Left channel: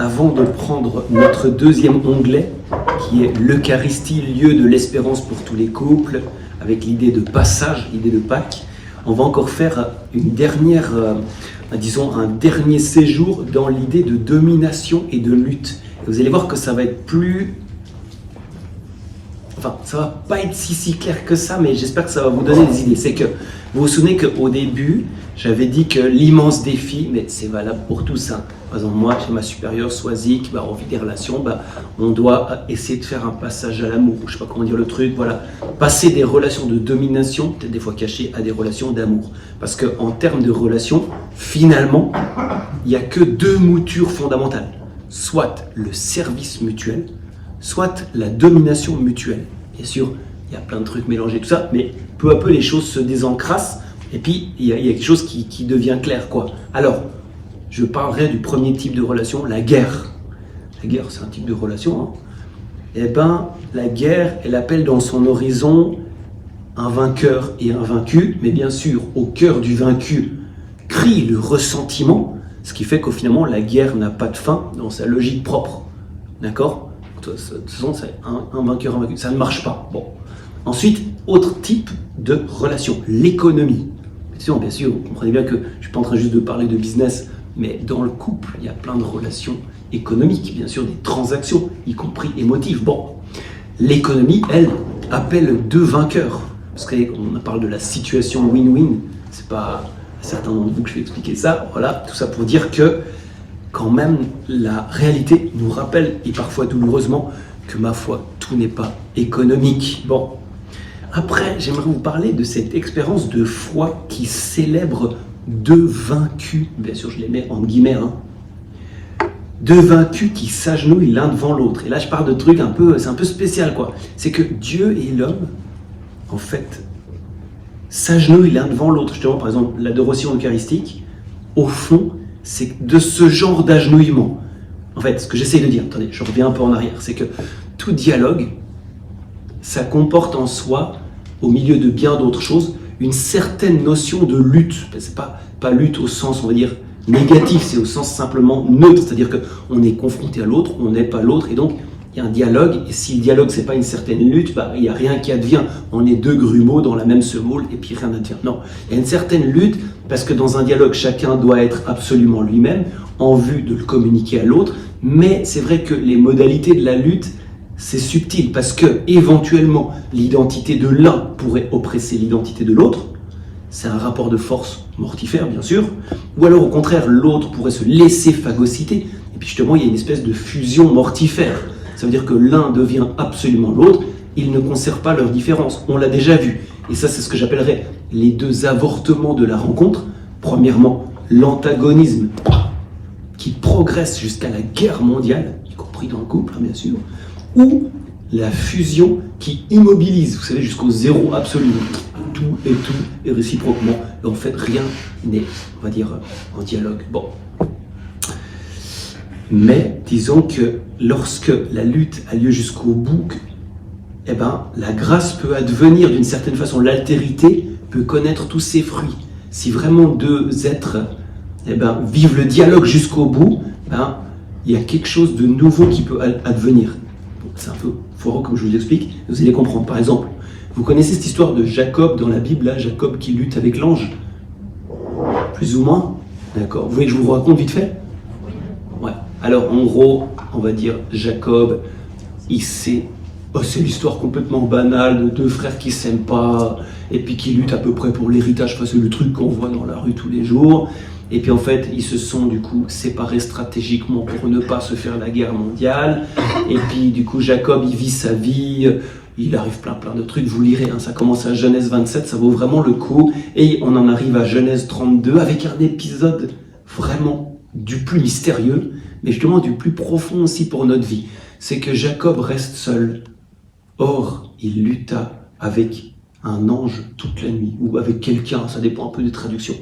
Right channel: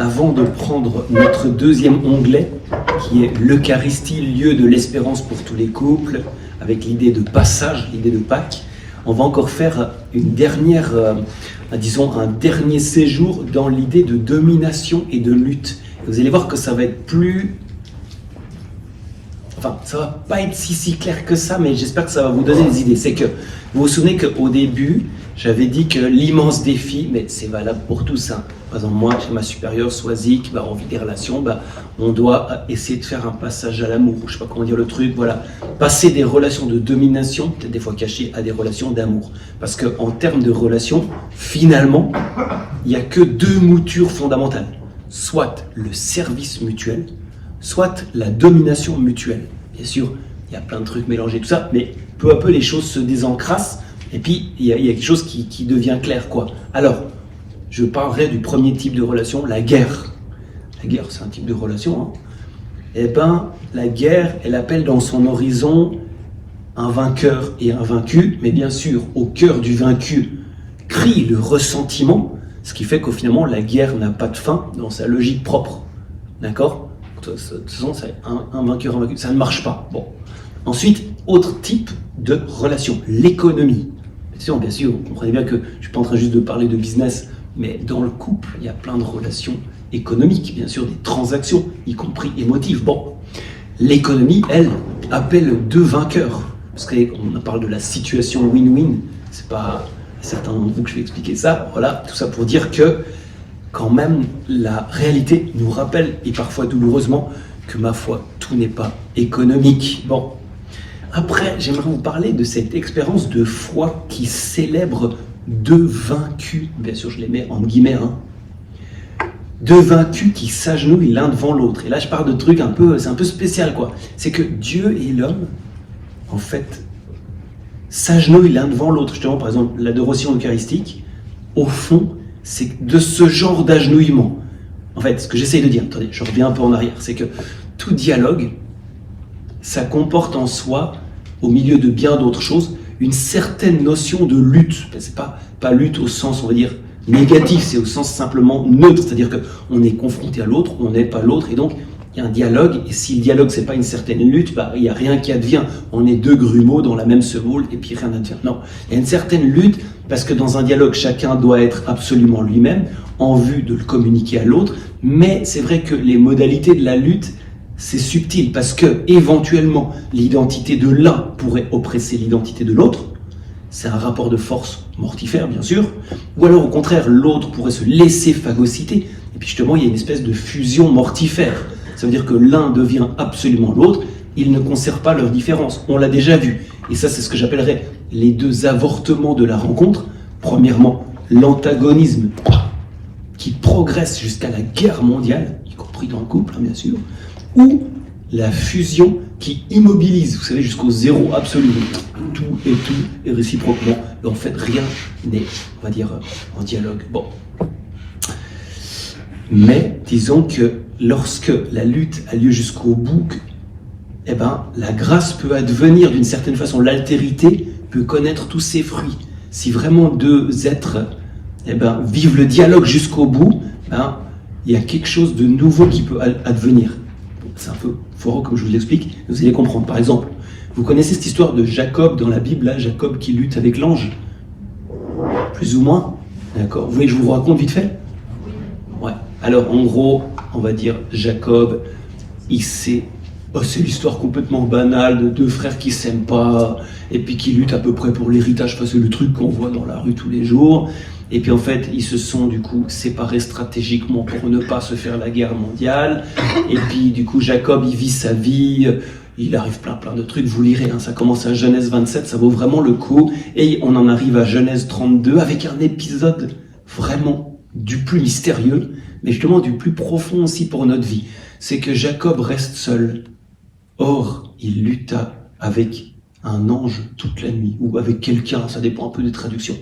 avant de prendre notre deuxième onglet, qui est l'Eucharistie, lieu de l'espérance pour tous les couples, avec l'idée de passage, l'idée de Pâques, on va encore faire une dernière, un dernier séjour dans l'idée de domination et de lutte. Et vous allez voir que ça va être plus... Enfin, ça va pas être si clair que ça, mais j'espère que ça va vous donner des idées. C'est que, vous vous souvenez qu'au début, j'avais dit que l'immense défi, mais c'est valable pour tous, hein. Par exemple, moi, chez ma supérieure, Swazik, on vit des relations, on doit essayer de faire un passage à l'amour, je sais pas comment dire le truc, voilà. Passer des relations de domination, peut-être des fois cachées, à des relations d'amour. Parce qu'en termes de relations, finalement, il n'y a que deux moutures fondamentales. Soit le service mutuel, soit la domination mutuelle. Bien sûr, il y a plein de trucs mélangés, tout ça, mais peu à peu, les choses se désencrassent, et puis il y a quelque chose qui devient clair, quoi. Alors, je parlerai du premier type de relation, la guerre. La guerre, c'est un type de relation, hein. Eh bien, la guerre, elle appelle dans son horizon un vainqueur et un vaincu, mais bien sûr, au cœur du vaincu crie le ressentiment, ce qui fait qu'au finalement, la guerre n'a pas de fin dans sa logique propre. D'accord ? De toute façon, c'est un vainqueur, un vaincu. Ça ne marche pas. Bon. Ensuite, autre type de relation, l'économie. Bien sûr, vous comprenez bien que je ne suis pas en train juste de parler de business, mais dans le couple, il y a plein de relations économiques, bien sûr, des transactions, y compris émotives. Bon, l'économie, elle, appelle deux vainqueurs. Parce qu'on parle de la situation win-win. C'est pas à certains d'entre vous que je vais expliquer ça. Voilà, tout ça pour dire que quand même, la réalité nous rappelle, et parfois douloureusement, que ma foi, tout n'est pas économique. Bon, après, j'aimerais vous parler de cette expérience de foi qui célèbre deux vaincus. Bien sûr, je les mets en guillemets, hein. Deux vaincus qui s'agenouillent l'un devant l'autre. Et là, je parle de trucs c'est un peu spécial, quoi. C'est que Dieu et l'homme, en fait, s'agenouillent l'un devant l'autre. Justement, par exemple, l'adoration eucharistique, au fond, c'est de ce genre d'agenouillement. En fait, ce que j'essaye de dire, attendez, je reviens un peu en arrière, c'est que tout dialogue, ça comporte en soi, au milieu de bien d'autres choses, une certaine notion de lutte. C'est pas lutte au sens, on va dire, négatif, c'est au sens simplement neutre, c'est-à-dire qu'on est confronté à l'autre, on n'est pas l'autre, et donc il y a un dialogue, et si le dialogue c'est pas une certaine lutte, il n'y a rien qui advient. On est deux grumeaux dans la même semoule, et puis rien n'advient. Non, il y a une certaine lutte, parce que dans un dialogue, chacun doit être absolument lui-même, en vue de le communiquer à l'autre, mais c'est vrai que les modalités de la lutte, c'est subtil, parce que éventuellement l'identité de l'un pourrait oppresser l'identité de l'autre. C'est un rapport de force mortifère, bien sûr. Ou alors, au contraire, l'autre pourrait se laisser phagocyter. Et puis justement, il y a une espèce de fusion mortifère. Ça veut dire que l'un devient absolument l'autre. Ils ne conservent pas leur différence. On l'a déjà vu. Et ça, c'est ce que j'appellerais les deux avortements de la rencontre. Premièrement, l'antagonisme qui progresse jusqu'à la guerre mondiale, y compris dans le couple, bien sûr. Ou la fusion qui immobilise, vous savez, jusqu'au zéro absolu. Tout est réciproquement. Et en fait, rien n'est, on va dire, en dialogue. Bon. Mais disons que lorsque la lutte a lieu jusqu'au bout, la grâce peut advenir d'une certaine façon. L'altérité peut connaître tous ses fruits. Si vraiment deux êtres vivent le dialogue jusqu'au bout, il y a quelque chose de nouveau qui peut advenir. C'est un peu foireux comme je vous l'explique, vous allez comprendre. Par exemple, vous connaissez cette histoire de Jacob dans la Bible, là, Jacob qui lutte avec l'ange? Plus ou moins? D'accord. Vous voulez que je vous raconte vite fait? Ouais. Alors, en gros, on va dire, Jacob, c'est l'histoire complètement banale de deux frères qui s'aiment pas, et puis qui luttent à peu près pour l'héritage, c'est le truc qu'on voit dans la rue tous les jours. Et puis en fait, ils se sont du coup séparés stratégiquement pour ne pas se faire la guerre mondiale. Et puis du coup, Jacob, il vit sa vie, il arrive plein de trucs, vous lirez, hein, ça commence à Genèse 27, ça vaut vraiment le coup. Et on en arrive à Genèse 32 avec un épisode vraiment du plus mystérieux, mais justement du plus profond aussi pour notre vie. C'est que Jacob reste seul. Or, il lutta avec un ange toute la nuit, ou avec quelqu'un, ça dépend un peu des traductions.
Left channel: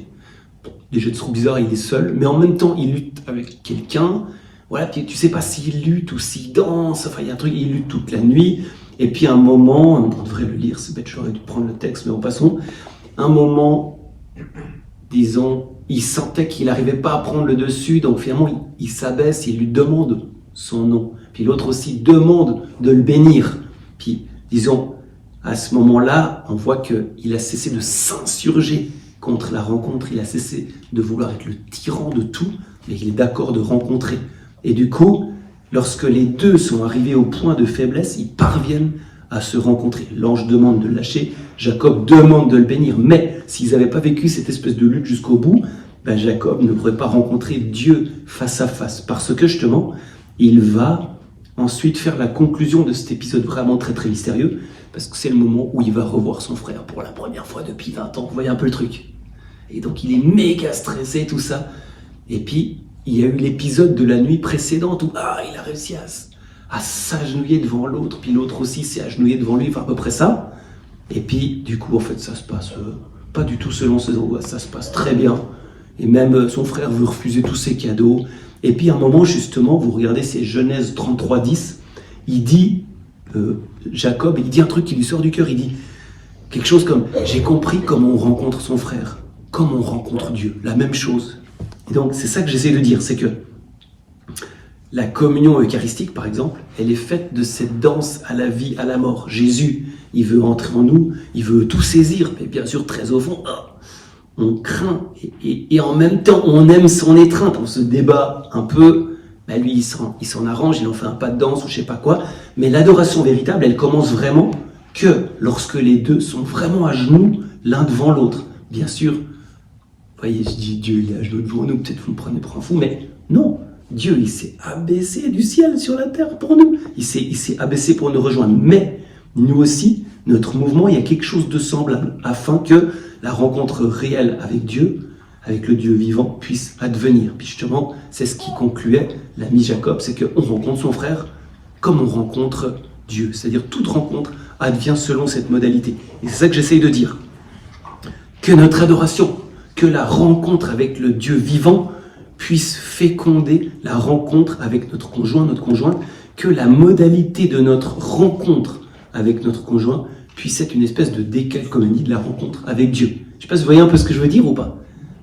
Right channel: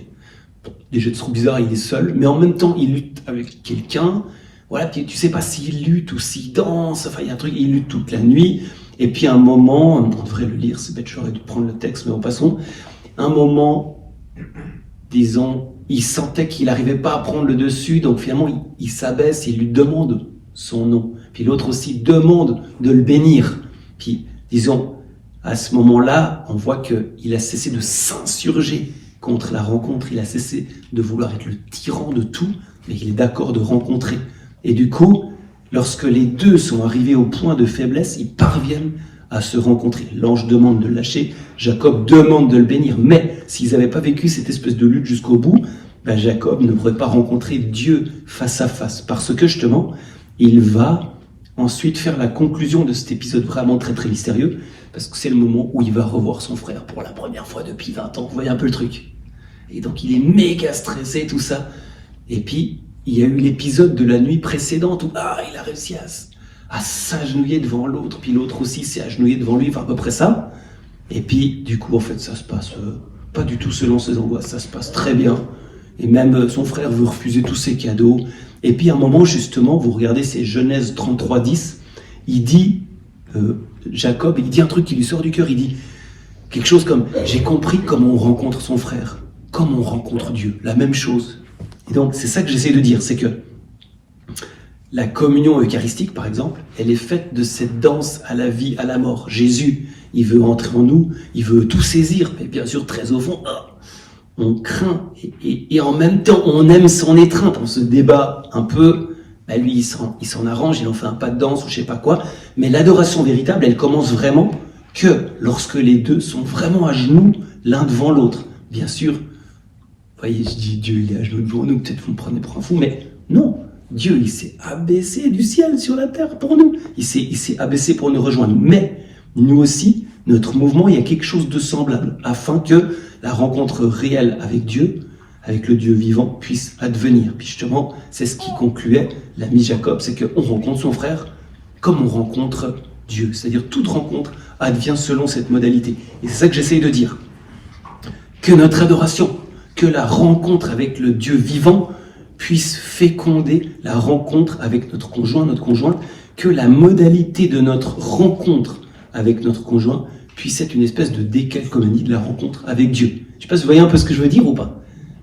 Déjà, c'est trop bizarre, il est seul, mais en même temps, il lutte avec quelqu'un. Voilà, puis tu sais pas s'il lutte ou s'il danse, enfin, il y a un truc, il lutte toute la nuit. Et puis, à un moment, on devrait le lire, c'est bête, j'aurais dû prendre le texte, mais en passant. Un moment, disons, il sentait qu'il n'arrivait pas à prendre le dessus, donc finalement, il s'abaisse, il lui demande son nom. Puis l'autre aussi demande de le bénir. Puis, disons, à ce moment-là, on voit qu'il a cessé de s'insurger contre la rencontre, il a cessé de vouloir être le tyran de tout, mais il est d'accord de rencontrer. Et du coup, lorsque les deux sont arrivés au point de faiblesse, ils parviennent à se rencontrer. L'ange demande de le lâcher, Jacob demande de le bénir, mais s'ils n'avaient pas vécu cette espèce de lutte jusqu'au bout, ben Jacob ne pourrait pas rencontrer Dieu face à face, parce que justement, il va ensuite faire la conclusion de cet épisode vraiment très très mystérieux, parce que c'est le moment où il va revoir son frère pour la première fois depuis 20 ans. Vous voyez un peu le truc. Et donc il est méga stressé, tout ça. Et puis, il y a eu l'épisode de la nuit précédente où il a réussi à s'agenouiller devant l'autre, puis l'autre aussi s'est agenouillé devant lui, enfin à peu près ça. Et puis, du coup, en fait, ça se passe pas du tout selon ses angoisses, ça se passe très bien. Et même son frère veut refuser tous ses cadeaux. Et puis, à un moment, justement, vous regardez, c'est Genèse 33:10, il dit, Jacob, il dit un truc qui lui sort du cœur, il dit quelque chose comme « J'ai compris comment on rencontre son frère, comme on rencontre Dieu », la même chose. Et donc, c'est ça que j'essaie de dire, c'est que la communion eucharistique, par exemple, elle est faite de cette danse à la vie, à la mort. Jésus, il veut entrer en nous, il veut tout saisir, mais bien sûr, très au fond, on craint, et en même temps, on aime son étreinte, on se débat un peu. Lui, il s'en arrange, il en fait un pas de danse ou je sais pas quoi, mais l'adoration véritable, elle commence vraiment que lorsque les deux sont vraiment à genoux l'un devant l'autre. Bien sûr, vous voyez, je dis Dieu, il est à genoux devant nous, peut-être vous me prenez pour un fou, mais non, Dieu, il s'est abaissé du ciel sur la terre pour nous, il s'est abaissé pour nous rejoindre, mais nous aussi, notre mouvement, il y a quelque chose de semblable, afin que la rencontre réelle avec Dieu, avec le Dieu vivant, puisse advenir. Puis justement, c'est ce qui concluait l'ami Jacob, c'est qu'on rencontre son frère comme on rencontre Dieu. C'est-à-dire toute rencontre advient selon cette modalité. Et c'est ça que j'essaye de dire. Que notre adoration, que la rencontre avec le Dieu vivant puisse féconder la rencontre avec notre conjoint, notre conjointe, que la modalité de notre rencontre avec notre conjoint puisse être une espèce de décalcomanie de la rencontre avec Dieu. Je ne sais pas si vous voyez un peu ce que je veux dire ou pas.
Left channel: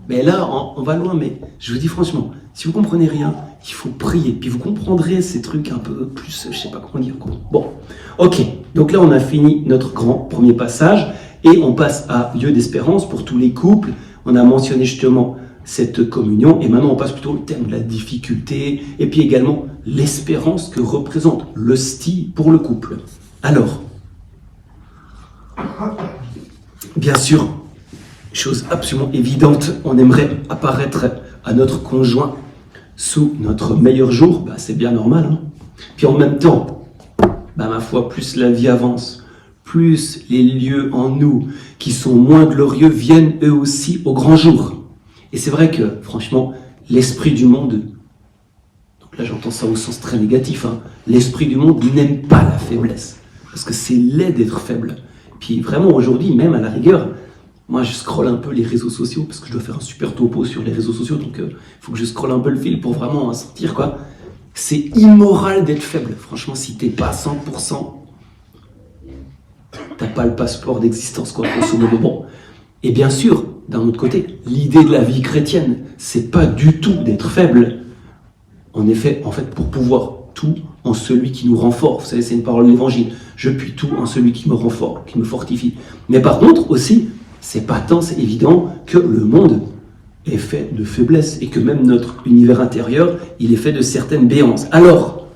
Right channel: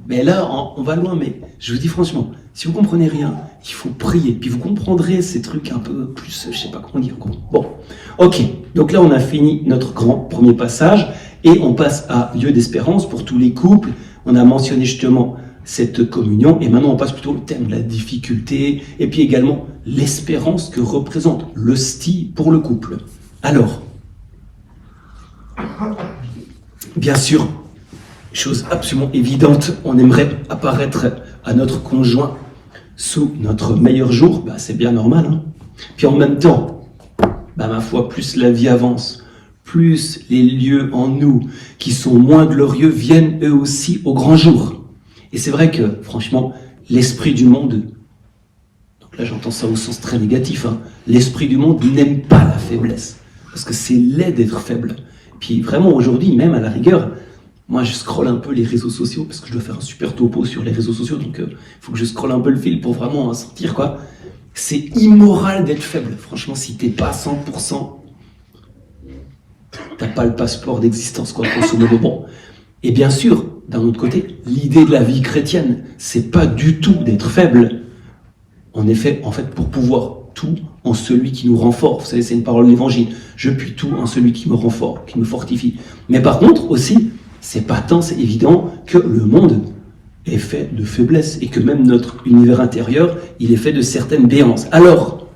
Mais là, on va loin, mais je vous dis franchement, si vous comprenez rien, il faut prier, puis vous comprendrez ces trucs un peu plus, je sais pas comment dire quoi. Bon, ok, donc là on a fini notre grand premier passage, et on passe à lieu d'espérance pour tous les couples. On a mentionné justement cette communion, et maintenant on passe plutôt au thème de la difficulté, et puis également l'espérance que représente l'hostie pour le couple. Alors, bien sûr, chose absolument évidente, on aimerait apparaître à notre conjoint sous notre meilleur jour, c'est bien normal. Hein. Puis en même temps, ma foi, plus la vie avance, plus les lieux en nous qui sont moins glorieux viennent eux aussi au grand jour. Et c'est vrai que, franchement, l'esprit du monde, donc là j'entends ça au sens très négatif, l'esprit du monde n'aime pas la faiblesse, parce que c'est laid d'être faible. Puis vraiment aujourd'hui, même à la rigueur, moi, je scrolle un peu les réseaux sociaux, parce que je dois faire un super topo sur les réseaux sociaux, donc il faut que je scrolle un peu le fil pour vraiment sentir, quoi. C'est immoral d'être faible. Franchement, si t'es pas 100%, t'as pas le passeport d'existence, quoi, grosso modo. Bon. Et bien sûr, d'un autre côté, l'idée de la vie chrétienne, c'est pas du tout d'être faible. En effet, pour pouvoir tout en celui qui nous rend fort. Vous savez, c'est une parole de l'évangile. Je puis tout en celui qui me rend fort, qui me fortifie. Mais par contre, aussi, c'est patent, c'est évident que le monde est fait de faiblesse et que même notre univers intérieur, il est fait de certaines béances. Alors,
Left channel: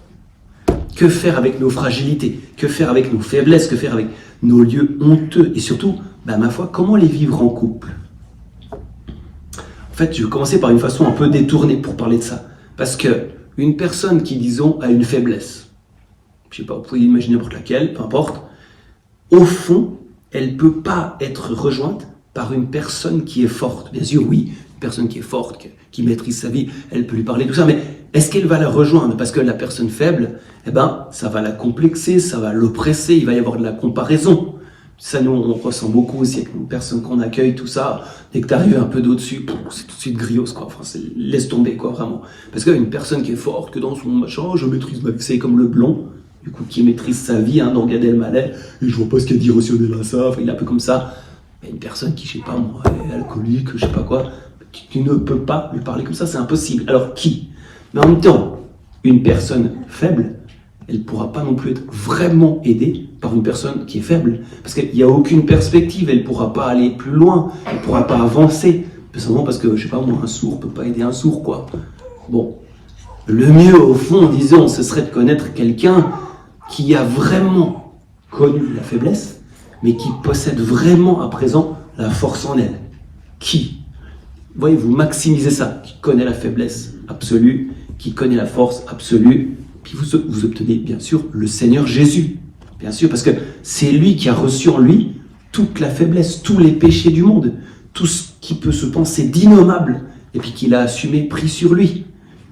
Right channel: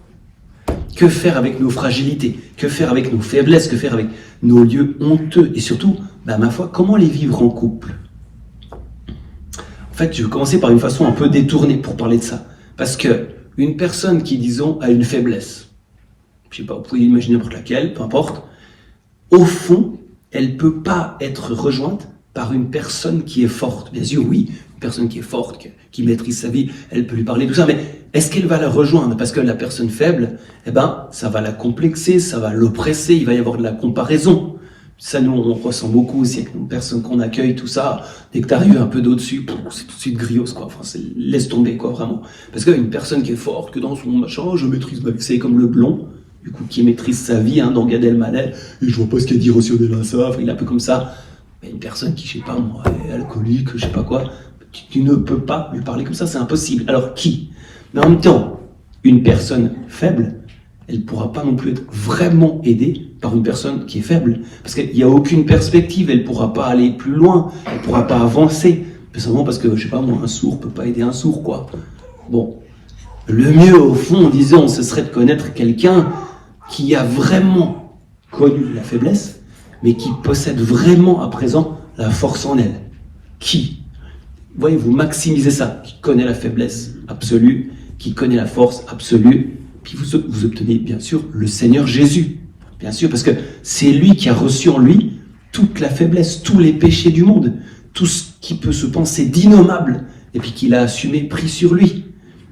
que faire avec nos fragilités? Que faire avec nos faiblesses? Que faire avec nos lieux honteux? Et surtout, ma foi, comment les vivre en couple? En fait, je vais commencer par une façon un peu détournée pour parler de ça. Parce que une personne qui, disons, a une faiblesse, je sais pas, vous pouvez imaginer n'importe laquelle, peu importe, au fond, elle ne peut pas être rejointe par une personne qui est forte. Bien sûr, oui, une personne qui est forte, qui maîtrise sa vie, elle peut lui parler, tout ça, mais est-ce qu'elle va la rejoindre? Parce que la personne faible, ça va la complexer, ça va l'oppresser, il va y avoir de la comparaison. Ça, nous, on ressent beaucoup aussi avec une personne qu'on accueille, tout ça. Dès que tu arrives un peu d'au-dessus, c'est tout de suite griose, quoi. Enfin, laisse tomber, quoi, vraiment. Parce qu'une personne qui est forte, que dans son machin, je maîtrise ma vie, c'est comme le blond, du coup, qui maîtrise sa vie, dans Gad Elmaleh, et je vois pas ce qu'il y a d'irrationnel à ça, il est un peu comme ça. Mais une personne qui, je sais pas, moi, est alcoolique, je sais pas quoi, Tu ne peux pas lui parler comme ça, c'est impossible. Alors qui? Mais en même temps, une personne faible, elle ne pourra pas non plus être vraiment aidée par une personne qui est faible. Parce qu'il n'y a aucune perspective, elle ne pourra pas aller plus loin, elle ne pourra pas avancer. Tout simplement parce que, je sais pas, un sourd ne peut pas aider un sourd, quoi. Bon, le mieux, au fond, disons, ce serait de connaître quelqu'un qui a vraiment connu la faiblesse, mais qui possède vraiment à présent la force en elle. Qui? Voyez, vous maximisez ça, qui connaît la faiblesse absolue, qui connaît la force absolue, puis vous obtenez bien sûr le Seigneur Jésus, bien sûr, parce que c'est lui qui a reçu en lui toute la faiblesse, tous les péchés du monde, tout ce qui peut se penser d'innommable, et puis qu'il a assumé, pris sur lui.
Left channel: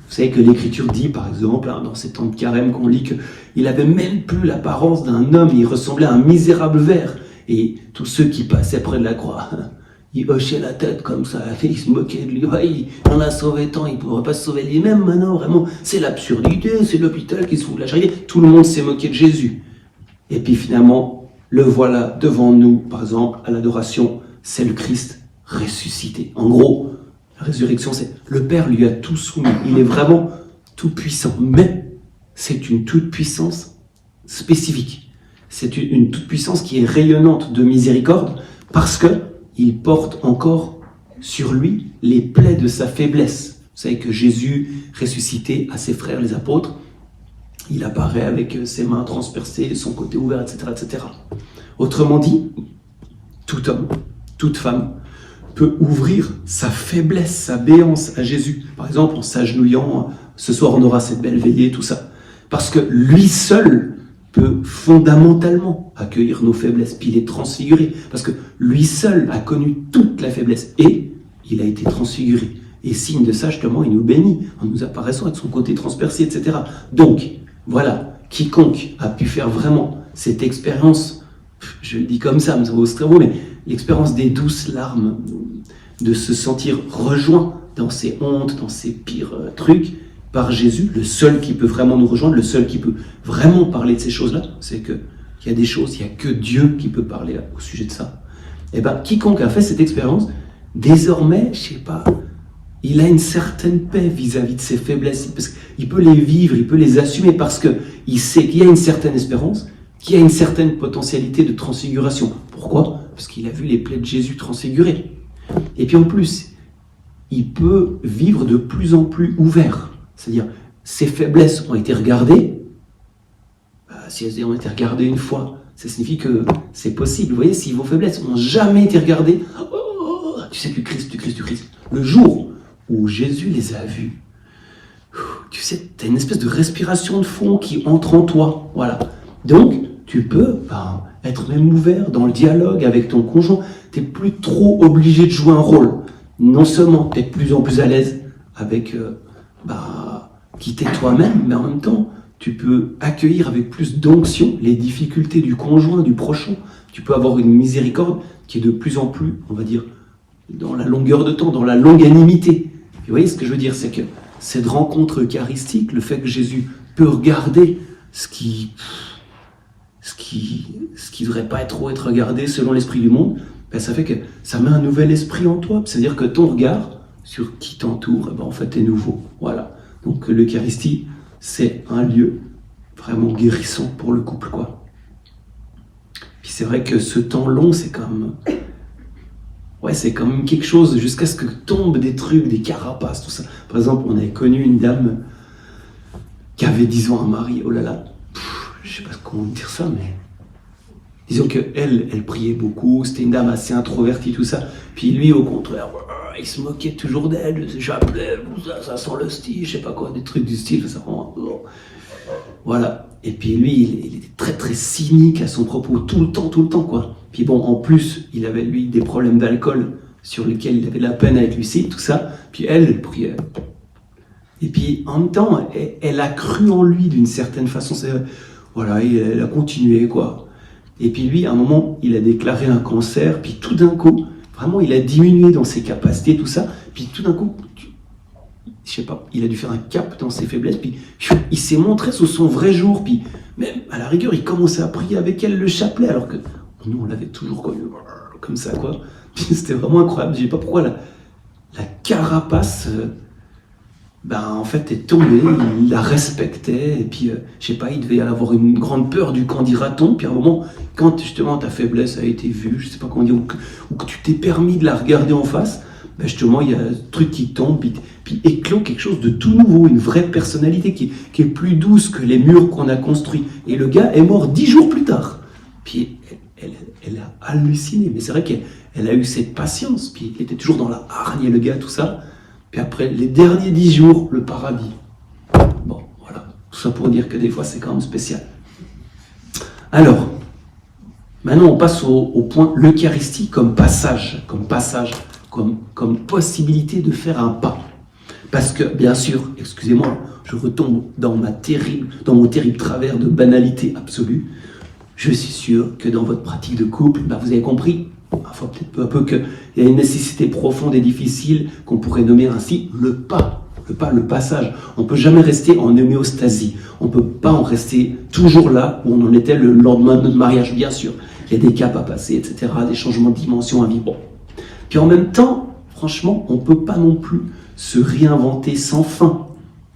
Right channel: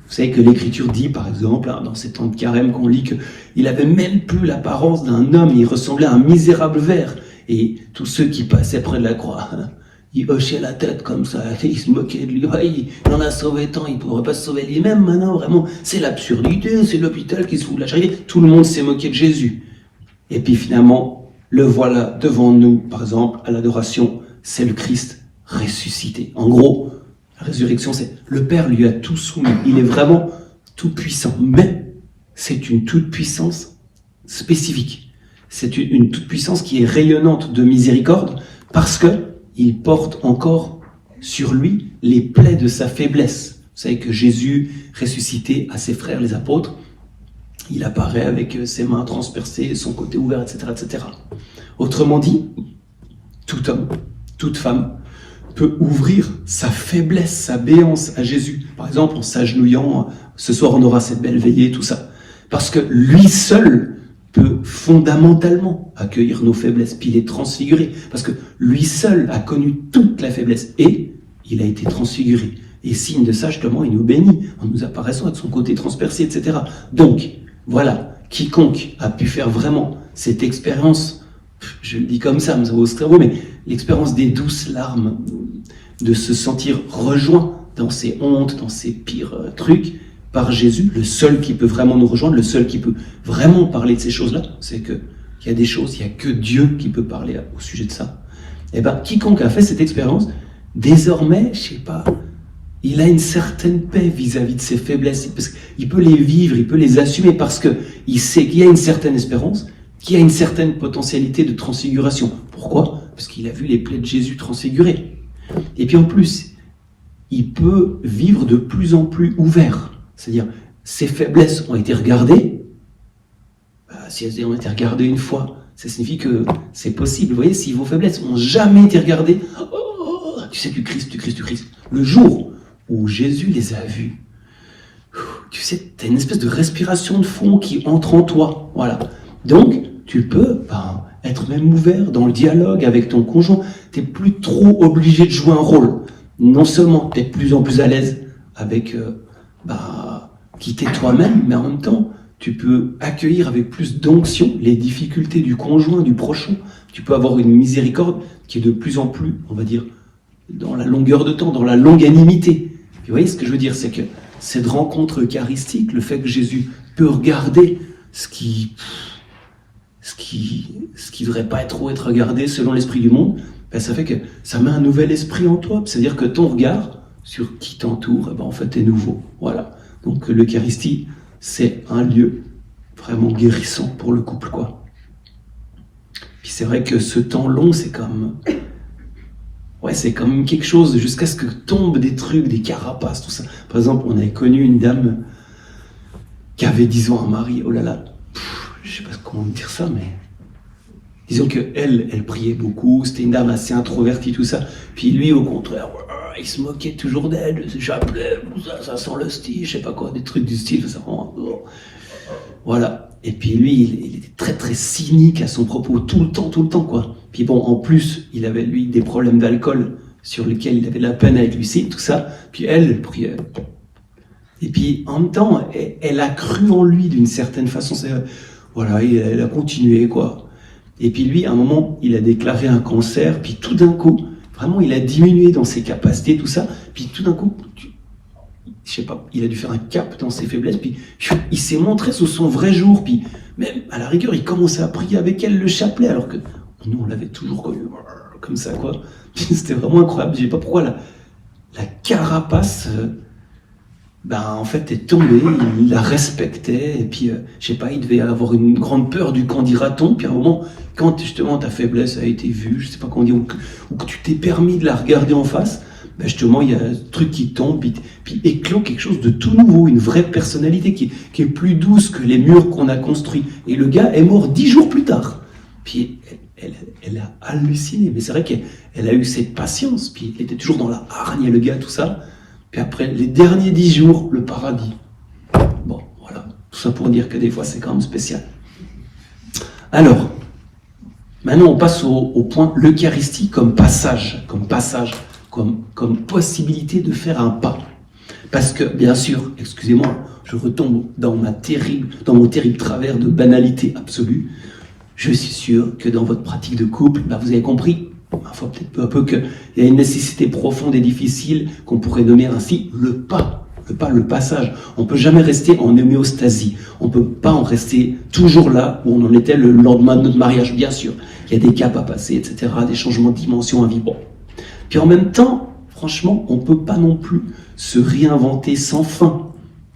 Vous savez que l'Écriture dit, par exemple, dans ces temps de carême, qu'on lit qu'il avait même plus l'apparence d'un homme, il ressemblait à un misérable ver, et tous ceux qui passaient près de la croix, il hochait la tête comme ça, il se moquait de lui. Ouais, il en a sauvé tant, il ne pourrait pas se sauver lui-même maintenant, vraiment. C'est l'absurdité, c'est l'hôpital qui se fout de la charité. Tout le monde s'est moqué de Jésus. Et puis finalement, le voilà devant nous, par exemple, à l'adoration, c'est le Christ ressuscité. En gros, la résurrection, c'est le Père lui a tout soumis. Il est vraiment tout puissant, mais c'est une toute puissance spécifique. C'est une toute puissance qui est rayonnante de miséricorde parce que il porte encore sur lui les plaies de sa faiblesse. Vous savez que Jésus, ressuscité à ses frères les apôtres, il apparaît avec ses mains transpercées, son côté ouvert, etc., etc. Autrement dit, tout homme, toute femme peut ouvrir sa faiblesse, sa béance à Jésus. Par exemple, en s'agenouillant, ce soir on aura cette belle veillée, tout ça. Parce que lui seul peut fondamentalement accueillir nos faiblesses, puis les transfigurer, parce que lui seul a connu toute la faiblesse, et il a été transfiguré. Et signe de ça, justement, il nous bénit, en nous apparaissant avec son côté transpercé, etc. Donc, voilà, quiconque a pu faire vraiment cette expérience, je le dis comme ça, mais ça vaut très beau, mais l'expérience des douces larmes, de se sentir rejoint dans ses hontes, dans ses pires trucs, par Jésus, le seul qui peut vraiment nous rejoindre, le seul qui peut vraiment parler de ces choses-là, c'est qu'il y a des choses, il n'y a que Dieu qui peut parler au sujet de ça. Et bien, quiconque a fait cette expérience, désormais, je sais pas, il a une certaine paix vis-à-vis de ses faiblesses, parce qu'il peut les vivre, il peut les assumer, parce qu'il sait qu'il y a une certaine espérance, qu'il y a une certaine potentialité de transfiguration. Pourquoi? Parce qu'il a vu les plaies de Jésus transfigurées. Et puis en plus, il peut vivre de plus en plus ouvert. C'est-à-dire, ses faiblesses ont été regardées. Si elles ont été regardées une fois, ça signifie que c'est possible. Vous voyez, si vos faiblesses n'ont jamais été regardées, tu sais, tu Christ. Le jour où Jésus les a vues, tu sais, tu as une espèce de respiration de fond qui entre en toi. Voilà. Donc, tu peux être même ouvert dans le dialogue avec ton conjoint. Tu n'es plus trop obligé de jouer un rôle. Non seulement tu es de plus en plus à l'aise avec quitter toi-même, mais en même temps, tu peux accueillir avec plus d'onction les difficultés du conjoint, du prochain. Tu peux avoir une miséricorde qui est de plus en plus, on va dire, dans la longueur de temps, dans la longanimité. Puis vous voyez ce que je veux dire, c'est que cette rencontre eucharistique, le fait que Jésus peut regarder ce qui devrait pas trop être regardé selon l'esprit du monde, ça fait que ça met un nouvel esprit en toi. C'est-à-dire que ton regard sur qui t'entoure, en fait, est nouveau. Voilà. Donc l'Eucharistie, c'est un lieu vraiment guérissant pour le couple, quoi. Puis c'est vrai que ce temps long, c'est comme quelque chose jusqu'à ce que tombent des trucs, des carapaces, tout ça. Par exemple, on avait connu une dame qui avait 10 ans un mari, oh là là, je sais pas comment dire ça, mais disons qu'elle priait beaucoup, c'était une dame assez introvertie, tout ça. Puis lui, au contraire, il se moquait toujours d'elle, j'appelais, ça sent le style, je sais pas quoi, des trucs du style, ça rend... Voilà. Et puis lui, il était très très cynique à son propos, tout le temps, quoi. Puis bon, en plus, il avait lui des problèmes d'alcool sur lesquels il avait la peine avec Lucille, tout ça. Puis elle priait. Et puis en même temps, elle a cru en lui d'une certaine façon. Voilà, elle a continué, quoi. Et puis lui, à un moment, il a déclaré un cancer, puis tout d'un coup, vraiment, il a diminué dans ses capacités, tout ça. Puis tout d'un coup, je sais pas, il a dû faire un cap dans ses faiblesses, puis il s'est montré sous son vrai jour, puis même à la rigueur, il commençait à prier avec elle le chapelet, alors que nous, on l'avait toujours connu comme ça, quoi. C'était vraiment incroyable, je sais pas pourquoi, là. la carapace, en fait, est tombée, il la respectait, et puis, je sais pas, il devait avoir une grande peur du qu'en dira-t-on, puis à un moment, quand justement ta faiblesse a été vue, je sais pas comment dire, ou que tu t'es permis de la regarder en face, justement, il y a un truc qui tombe, puis éclot quelque chose de tout nouveau, une vraie personnalité qui est plus douce que les murs qu'on a construits. Et le gars est mort 10 jours plus tard. Puis elle a halluciné, mais c'est vrai qu'elle a eu cette patience, puis il était toujours dans la hargne, le gars, tout ça. Puis après, les derniers 10 jours, le paradis. Bon, voilà. Tout ça pour dire que des fois, c'est quand même spécial. Alors, maintenant, on passe au point l'Eucharistie comme passage, comme possibilité de faire un pas. Parce que, bien sûr, excusez-moi, je retombe dans mon terrible travers de banalité absolue. Je suis sûr que dans votre pratique de couple, vous avez compris, parfois peut-être peu à peu, qu'il y a une nécessité profonde et difficile qu'on pourrait nommer ainsi le passage. On ne peut jamais rester en homéostasie. On ne peut pas en rester toujours là où on en était le lendemain de notre mariage, bien sûr. Il y a des caps à passer, etc., des changements de dimension à vivre. Puis en même temps, franchement, on ne peut pas non plus se réinventer sans fin.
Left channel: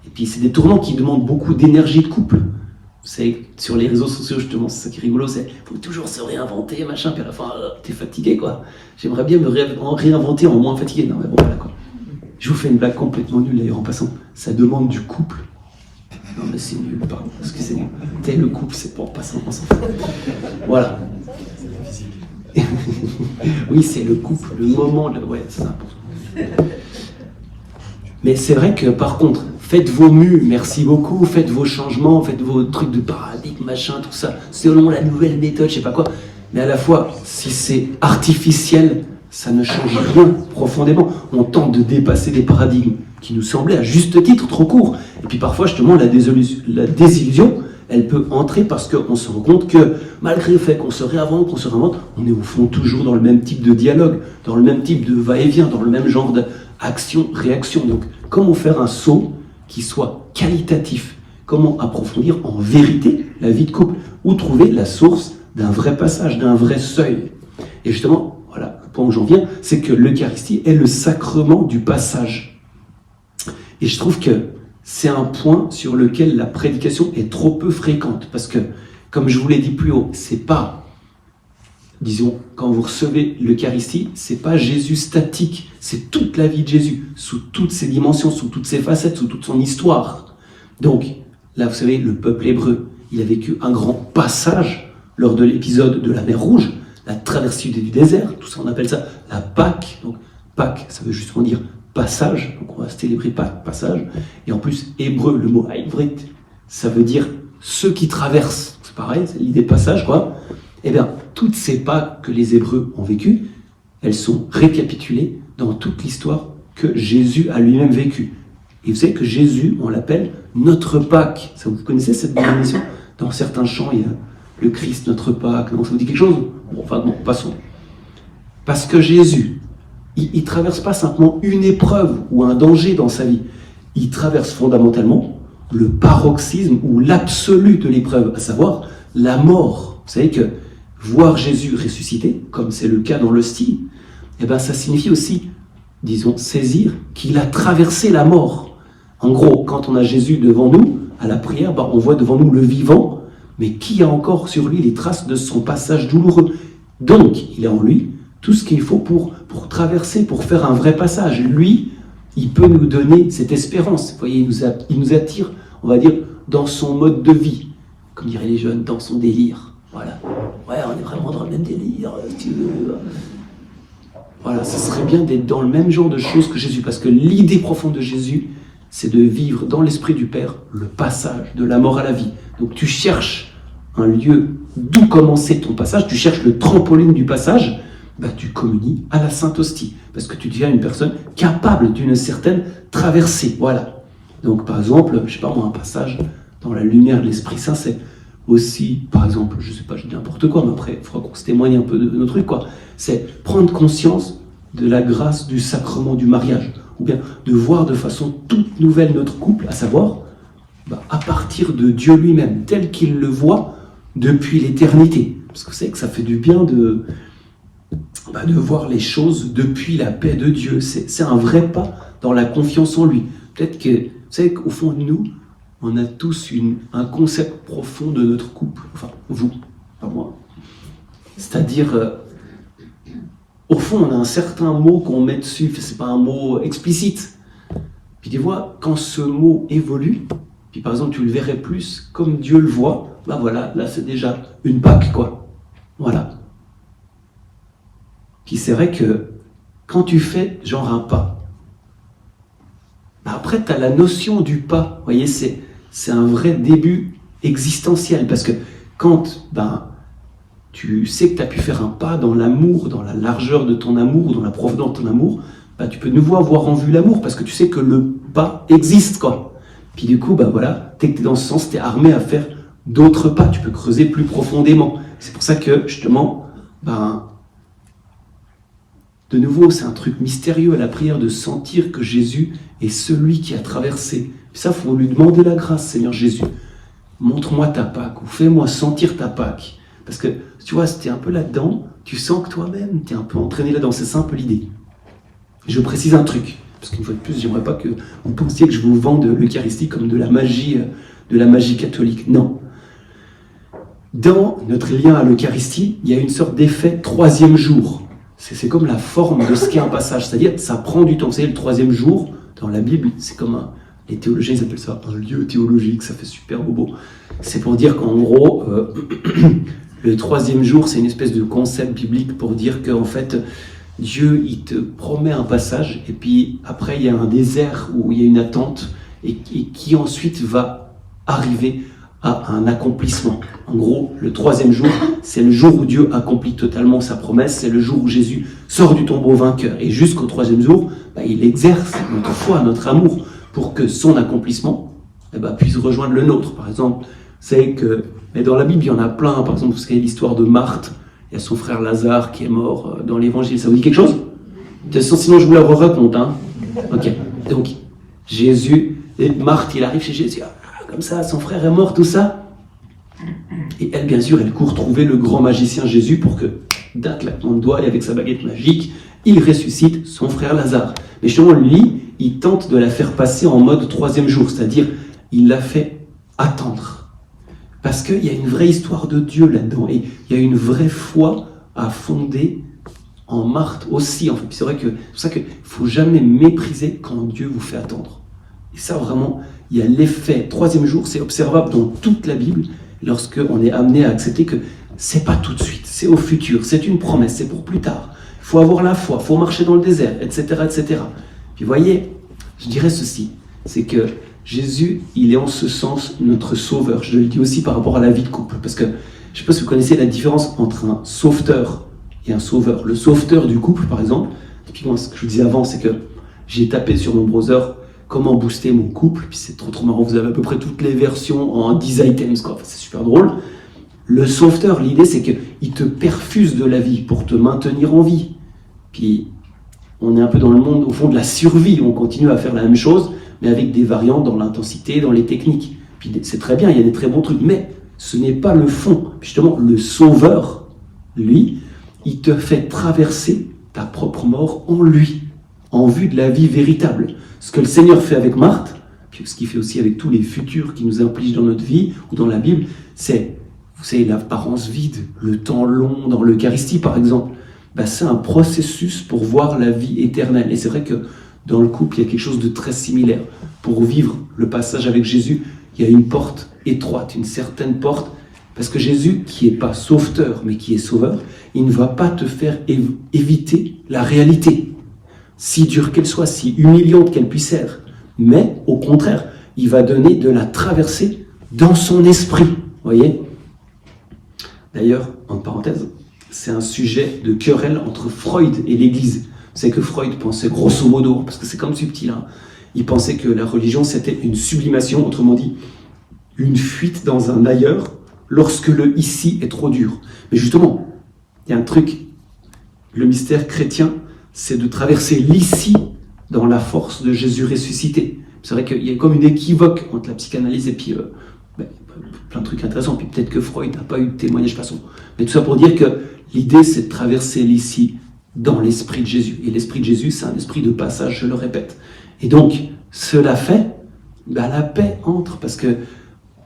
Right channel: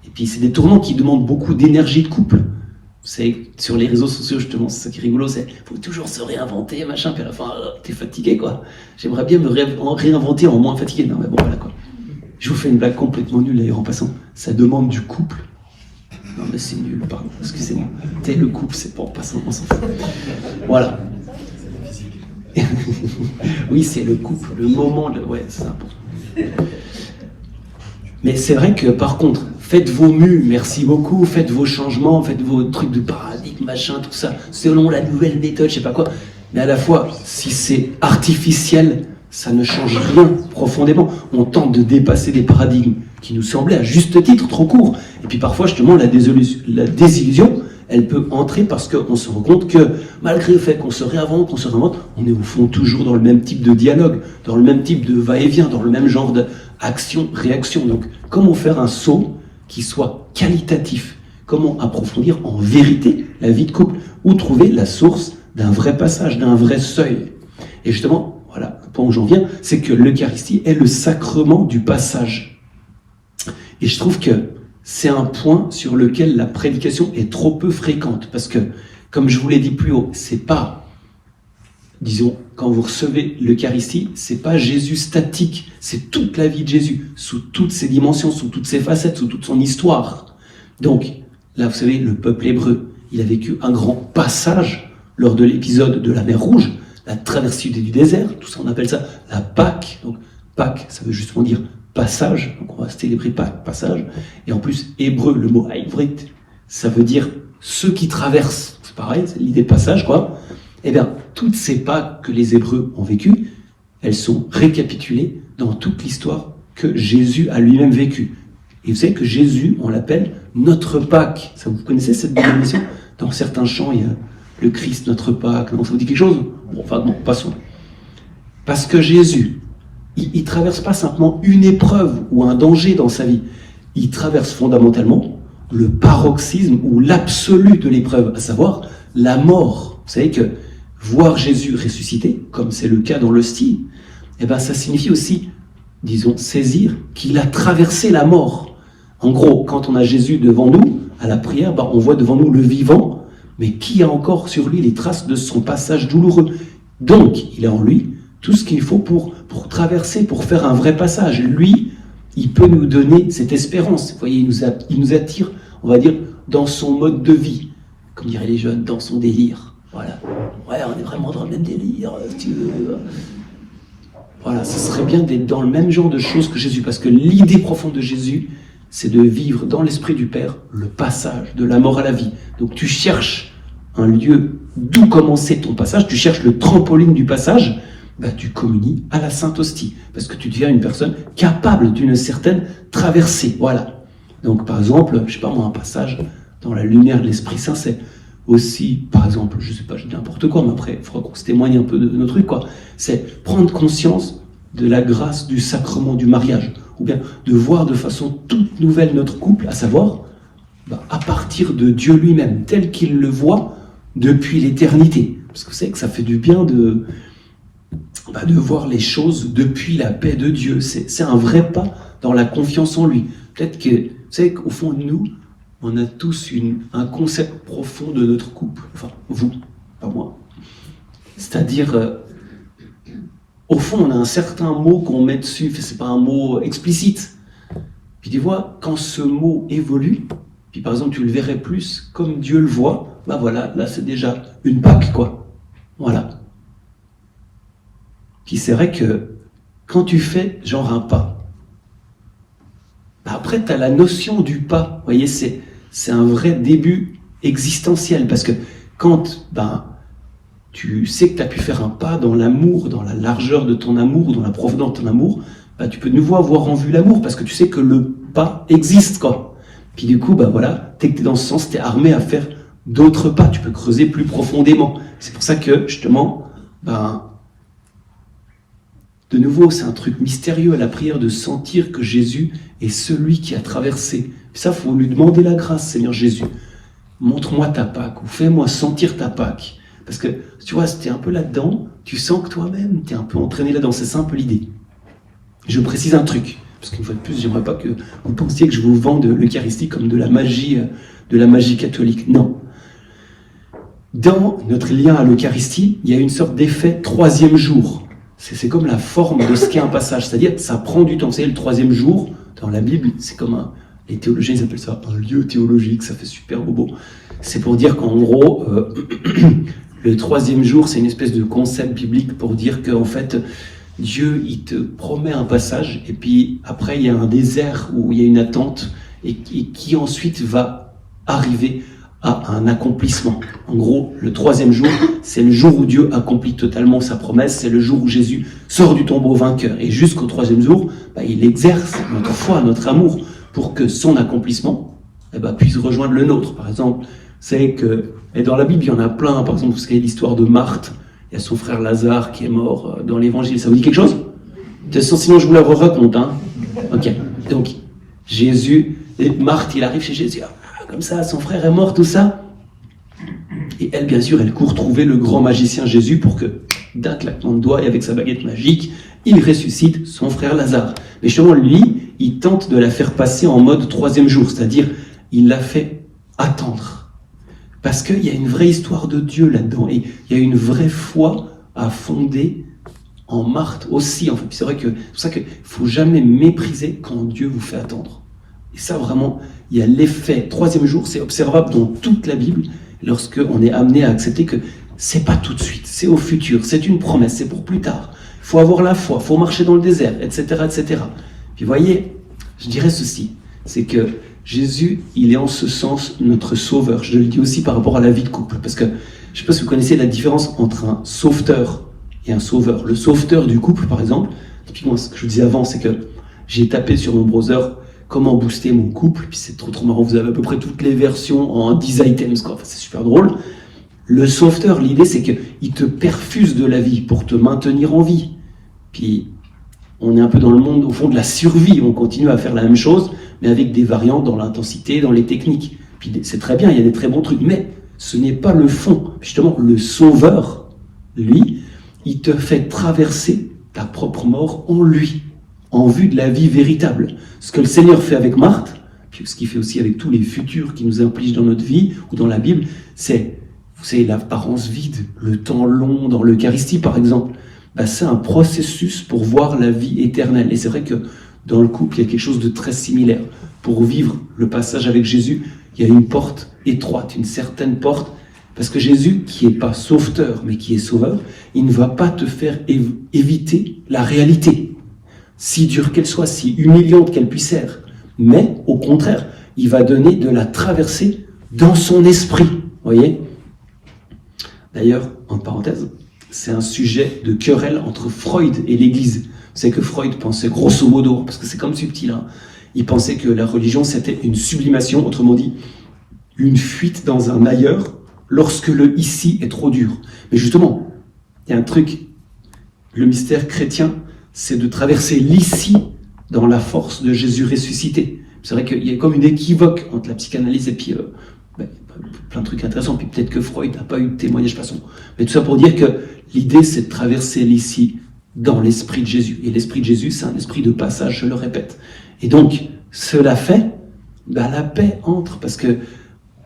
Et puis c'est des tournants qui demandent beaucoup d'énergie de couple. Vous savez, sur les réseaux sociaux, justement, c'est ça qui est rigolo, c'est faut toujours se réinventer, machin, puis à la fin, t'es fatigué, quoi. J'aimerais bien me réinventer en moins fatigué. Non, mais bon, voilà, quoi. Je vous fais une blague complètement nulle, d'ailleurs, en passant. Ça demande du couple. Non, mais c'est nul, pardon, excusez-moi. Le couple, c'est pas en passant, on s'en fout. Voilà. Oui, c'est le couple, le moment, ouais, c'est important. Mais c'est vrai que, par contre, faites vos mues, merci beaucoup, faites vos changements, faites vos trucs de paradigme, machin, tout ça, selon la nouvelle méthode, je sais pas quoi. Mais à la fois, si c'est artificiel, ça ne change rien profondément. On tente de dépasser des paradigmes qui nous semblaient à juste titre trop courts. Et puis parfois, justement, la désillusion, elle peut entrer parce qu'on se rend compte que, malgré le fait qu'on se réinvente, on est au fond toujours dans le même type de dialogue, dans le même type de va-et-vient, dans le même genre d'action-réaction. Donc, comment faire un saut qui soit qualitatif? Comment approfondir en vérité la vie de couple? Où trouver la source d'un vrai passage, d'un vrai seuil? Et justement, voilà, le point où j'en viens, c'est que l'Eucharistie est le sacrement du passage. Et je trouve que c'est un point sur lequel la prédication est trop peu fréquente. Parce que, comme je vous l'ai dit plus haut, c'est pas, disons, quand vous recevez l'Eucharistie, c'est pas Jésus statique, c'est toute la vie de Jésus, sous toutes ses dimensions, sous toutes ses facettes, sous toute son histoire. Donc, là, vous savez, le peuple hébreu, il a vécu un grand passage lors de l'épisode de la mer Rouge, la traversée du désert, tout ça, on appelle ça la Pâque. Donc, Pâque, ça veut justement dire passage, donc on va célébrer Pâques, passage. Et en plus, hébreu, le mot haïvrit, ça veut dire ceux qui traversent. C'est pareil, c'est l'idée de passage, quoi. Eh bien, toutes ces Pâques que les Hébreux ont vécues, elles sont récapitulées dans toute l'histoire que Jésus a lui-même vécue. Et vous savez que Jésus, on l'appelle notre Pâque. Ça, vous connaissez cette définition? Dans certains chants, il y a le Christ, notre Pâque. Non, ça vous dit quelque chose? Bon, enfin, non, passons. Parce que Jésus, il ne traverse pas simplement une épreuve ou un danger dans sa vie. Il traverse fondamentalement le paroxysme ou l'absolu de l'épreuve, à savoir la mort. Vous savez que voir Jésus ressuscité, comme c'est le cas dans le style, eh ben, ça signifie aussi, disons, saisir qu'il a traversé la mort. En gros, quand on a Jésus devant nous, à la prière, on voit devant nous le vivant, mais qui a encore sur lui les traces de son passage douloureux. Donc, il a en lui tout ce qu'il faut pour traverser, pour faire un vrai passage. Lui, il peut nous donner cette espérance. Vous voyez, il nous attire, on va dire, dans son mode de vie. Comme diraient les jeunes, dans son délire. Voilà. Ouais, on est vraiment dans le même délire, si tu veux. Voilà, ce serait bien d'être dans le même genre de choses que Jésus, parce que l'idée profonde de Jésus, c'est de vivre dans l'esprit du Père le passage de la mort à la vie. Donc tu cherches un lieu d'où commencer ton passage, tu cherches le trampoline du passage, tu communies à la Sainte Hostie, parce que tu deviens une personne capable d'une certaine traversée. Voilà. Donc par exemple, je sais pas moi, un passage dans la lumière de l'Esprit Saint, c'est aussi, par exemple, je sais pas, je dis n'importe quoi, mais après, il faudra qu'on se témoigne un peu de nos trucs, quoi. C'est prendre conscience de la grâce du sacrement du mariage, ou bien de voir de façon toute nouvelle notre couple, à savoir, à partir de Dieu lui-même, tel qu'il le voit depuis l'éternité. Parce que vous savez que ça fait du bien de voir les choses depuis la paix de Dieu. C'est un vrai pas dans la confiance en lui. Peut-être que, vous savez qu'au fond de nous, on a tous un concept profond de notre couple. Enfin, vous, pas moi. C'est-à-dire, au fond, on a un certain mot qu'on met dessus, c'est pas un mot explicite. Puis tu vois, quand ce mot évolue, puis par exemple tu le verrais plus comme Dieu le voit, voilà, là c'est déjà une Pâque, quoi. Voilà. Puis c'est vrai que quand tu fais genre un pas, après tu as la notion du pas. Vous voyez, c'est un vrai début existentiel, parce que quand tu sais que tu as pu faire un pas dans l'amour, dans la largeur de ton amour, dans la profondeur de ton amour, tu peux de nouveau avoir en vue l'amour, parce que tu sais que le pas existe, quoi. Puis du coup, voilà, dès que tu es dans ce sens, tu es armé à faire d'autres pas, tu peux creuser plus profondément. C'est pour ça que, justement, de nouveau, c'est un truc mystérieux à la prière de sentir que Jésus est celui qui a traversé. Puis ça, il faut lui demander la grâce, Seigneur Jésus. Montre-moi ta Pâque, ou fais-moi sentir ta Pâque. Parce que, tu vois, si tu es un peu là-dedans, tu sens que toi-même, tu es un peu entraîné là-dedans. C'est ça un peu l'idée. Je précise un truc, parce qu'une fois de plus, j'aimerais pas que vous pensiez que je vous vende l'Eucharistie comme de la magie catholique. Non. Dans notre lien à l'Eucharistie, il y a une sorte d'effet troisième jour. C'est comme la forme de ce qu'est un passage, c'est-à-dire que ça prend du temps. Vous savez, le troisième jour, dans la Bible, c'est comme les théologiens, ils appellent ça un lieu théologique, ça fait super bobo. C'est pour dire qu'en gros, le troisième jour, c'est une espèce de concept biblique pour dire qu'en fait, Dieu, il te promet un passage, et puis après, il y a un désert où il y a une attente, et qui ensuite va arriver à un accomplissement. En gros, le troisième jour, c'est le jour où Dieu accomplit totalement sa promesse, c'est le jour où Jésus sort du tombeau vainqueur. Et jusqu'au troisième jour, il exerce notre foi, notre amour, pour que son accomplissement puisse rejoindre le nôtre. Par exemple, c'est que dans la Bible, il y en a plein. Par exemple, vous savez l'histoire de Marthe. Il y a son frère Lazare qui est mort dans l'évangile. Ça vous dit quelque chose? Sinon, je vous la raconte. Ok. Donc, Jésus, et Marthe, il arrive chez Jésus. Comme ça, son frère est mort, tout ça. Et elle, bien sûr, elle court trouver le grand magicien Jésus pour que, d'un claquement de doigts et avec sa baguette magique, il ressuscite son frère Lazare. Mais justement, lui, il tente de la faire passer en mode troisième jour, c'est-à-dire, il la fait attendre. Parce qu'il y a une vraie histoire de Dieu là-dedans, et il y a une vraie foi à fonder en Marthe aussi. En fait, c'est vrai que c'est pour ça qu'il ne faut jamais mépriser quand Dieu vous fait attendre. Et ça, vraiment, il y a l'effet troisième jour, c'est observable dans toute la Bible, lorsqu'on est amené à accepter que c'est pas tout de suite, c'est au futur, c'est une promesse, c'est pour plus tard. Il faut avoir la foi, il faut marcher dans le désert, etc., etc. Puis voyez, je dirais ceci, c'est que Jésus, il est en ce sens notre sauveur. Je le dis aussi par rapport à la vie de couple, parce que je ne sais pas si vous connaissez la différence entre un sauveteur et un sauveur. Le sauveteur du couple, par exemple, typiquement ce que je vous disais avant, c'est que j'ai tapé sur mon browser comment booster mon couple, puis c'est trop marrant, vous avez à peu près toutes les versions en 10 items, quoi. Enfin, c'est super drôle. Le sauveteur, l'idée c'est qu'il te perfuse de la vie pour te maintenir en vie. Puis on est un peu dans le monde, au fond, de la survie, on continue à faire la même chose, mais avec des variantes dans l'intensité, dans les techniques. Puis c'est très bien, il y a des très bons trucs, mais ce n'est pas le fond. Justement, le sauveur, lui, il te fait traverser ta propre mort en lui, en vue de la vie véritable. Ce que le Seigneur fait avec Marthe, puis ce qu'il fait aussi avec tous les futurs qui nous impliquent dans notre vie ou dans la Bible, c'est, vous savez, l'apparence vide, le temps long dans l'Eucharistie par exemple, c'est un processus pour voir la vie éternelle. Et c'est vrai que dans le couple, il y a quelque chose de très similaire. Pour vivre le passage avec Jésus, il y a une porte étroite, une certaine porte, parce que Jésus, qui n'est pas sauveteur, mais qui est sauveur, il ne va pas te faire éviter la réalité, si dure qu'elle soit, si humiliante qu'elle puisse être. Mais, au contraire, il va donner de la traversée dans son esprit. Voyez ? D'ailleurs, en parenthèse, c'est un sujet de querelle entre Freud et l'Église. C'est que Freud pensait grosso modo, parce que c'est comme subtil, il pensait que la religion c'était une sublimation, autrement dit, une fuite dans un ailleurs, lorsque le ici est trop dur. Mais justement, il y a un truc, le mystère chrétien, c'est de traverser l'ici dans la force de Jésus ressuscité. C'est vrai qu'il y a comme une équivoque entre la psychanalyse et puis plein de trucs intéressants, puis peut-être que Freud n'a pas eu de témoignage façon. Mais tout ça pour dire que l'idée c'est de traverser l'ici dans l'esprit de Jésus. Et l'esprit de Jésus, c'est un esprit de passage, je le répète. Et donc, cela fait, la paix entre, parce que,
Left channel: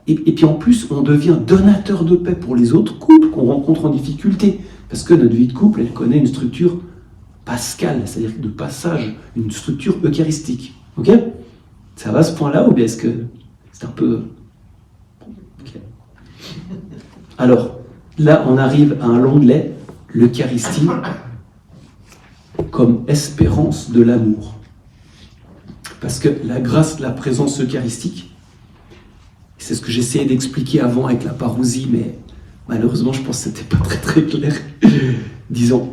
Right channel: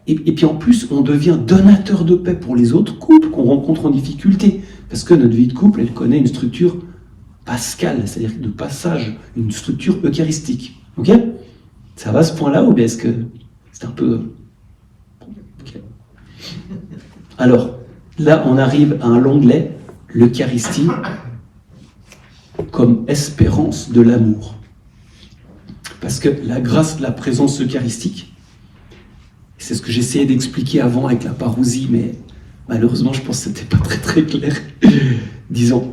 et puis en plus, on devient donateur de paix pour les autres couples qu'on rencontre en difficulté, parce que notre vie de couple, elle connaît une structure pascale, c'est-à-dire de passage, une structure eucharistique. Ok? Ça va à ce point-là, ou bien est-ce que c'est un peu... Okay. Alors, là, on arrive à un onglet, l'Eucharistie, comme espérance de l'amour. Parce que la grâce de la présence eucharistique, c'est ce que j'essayais d'expliquer avant avec la parousie, mais malheureusement, je pense que c'était pas très très clair. Disons,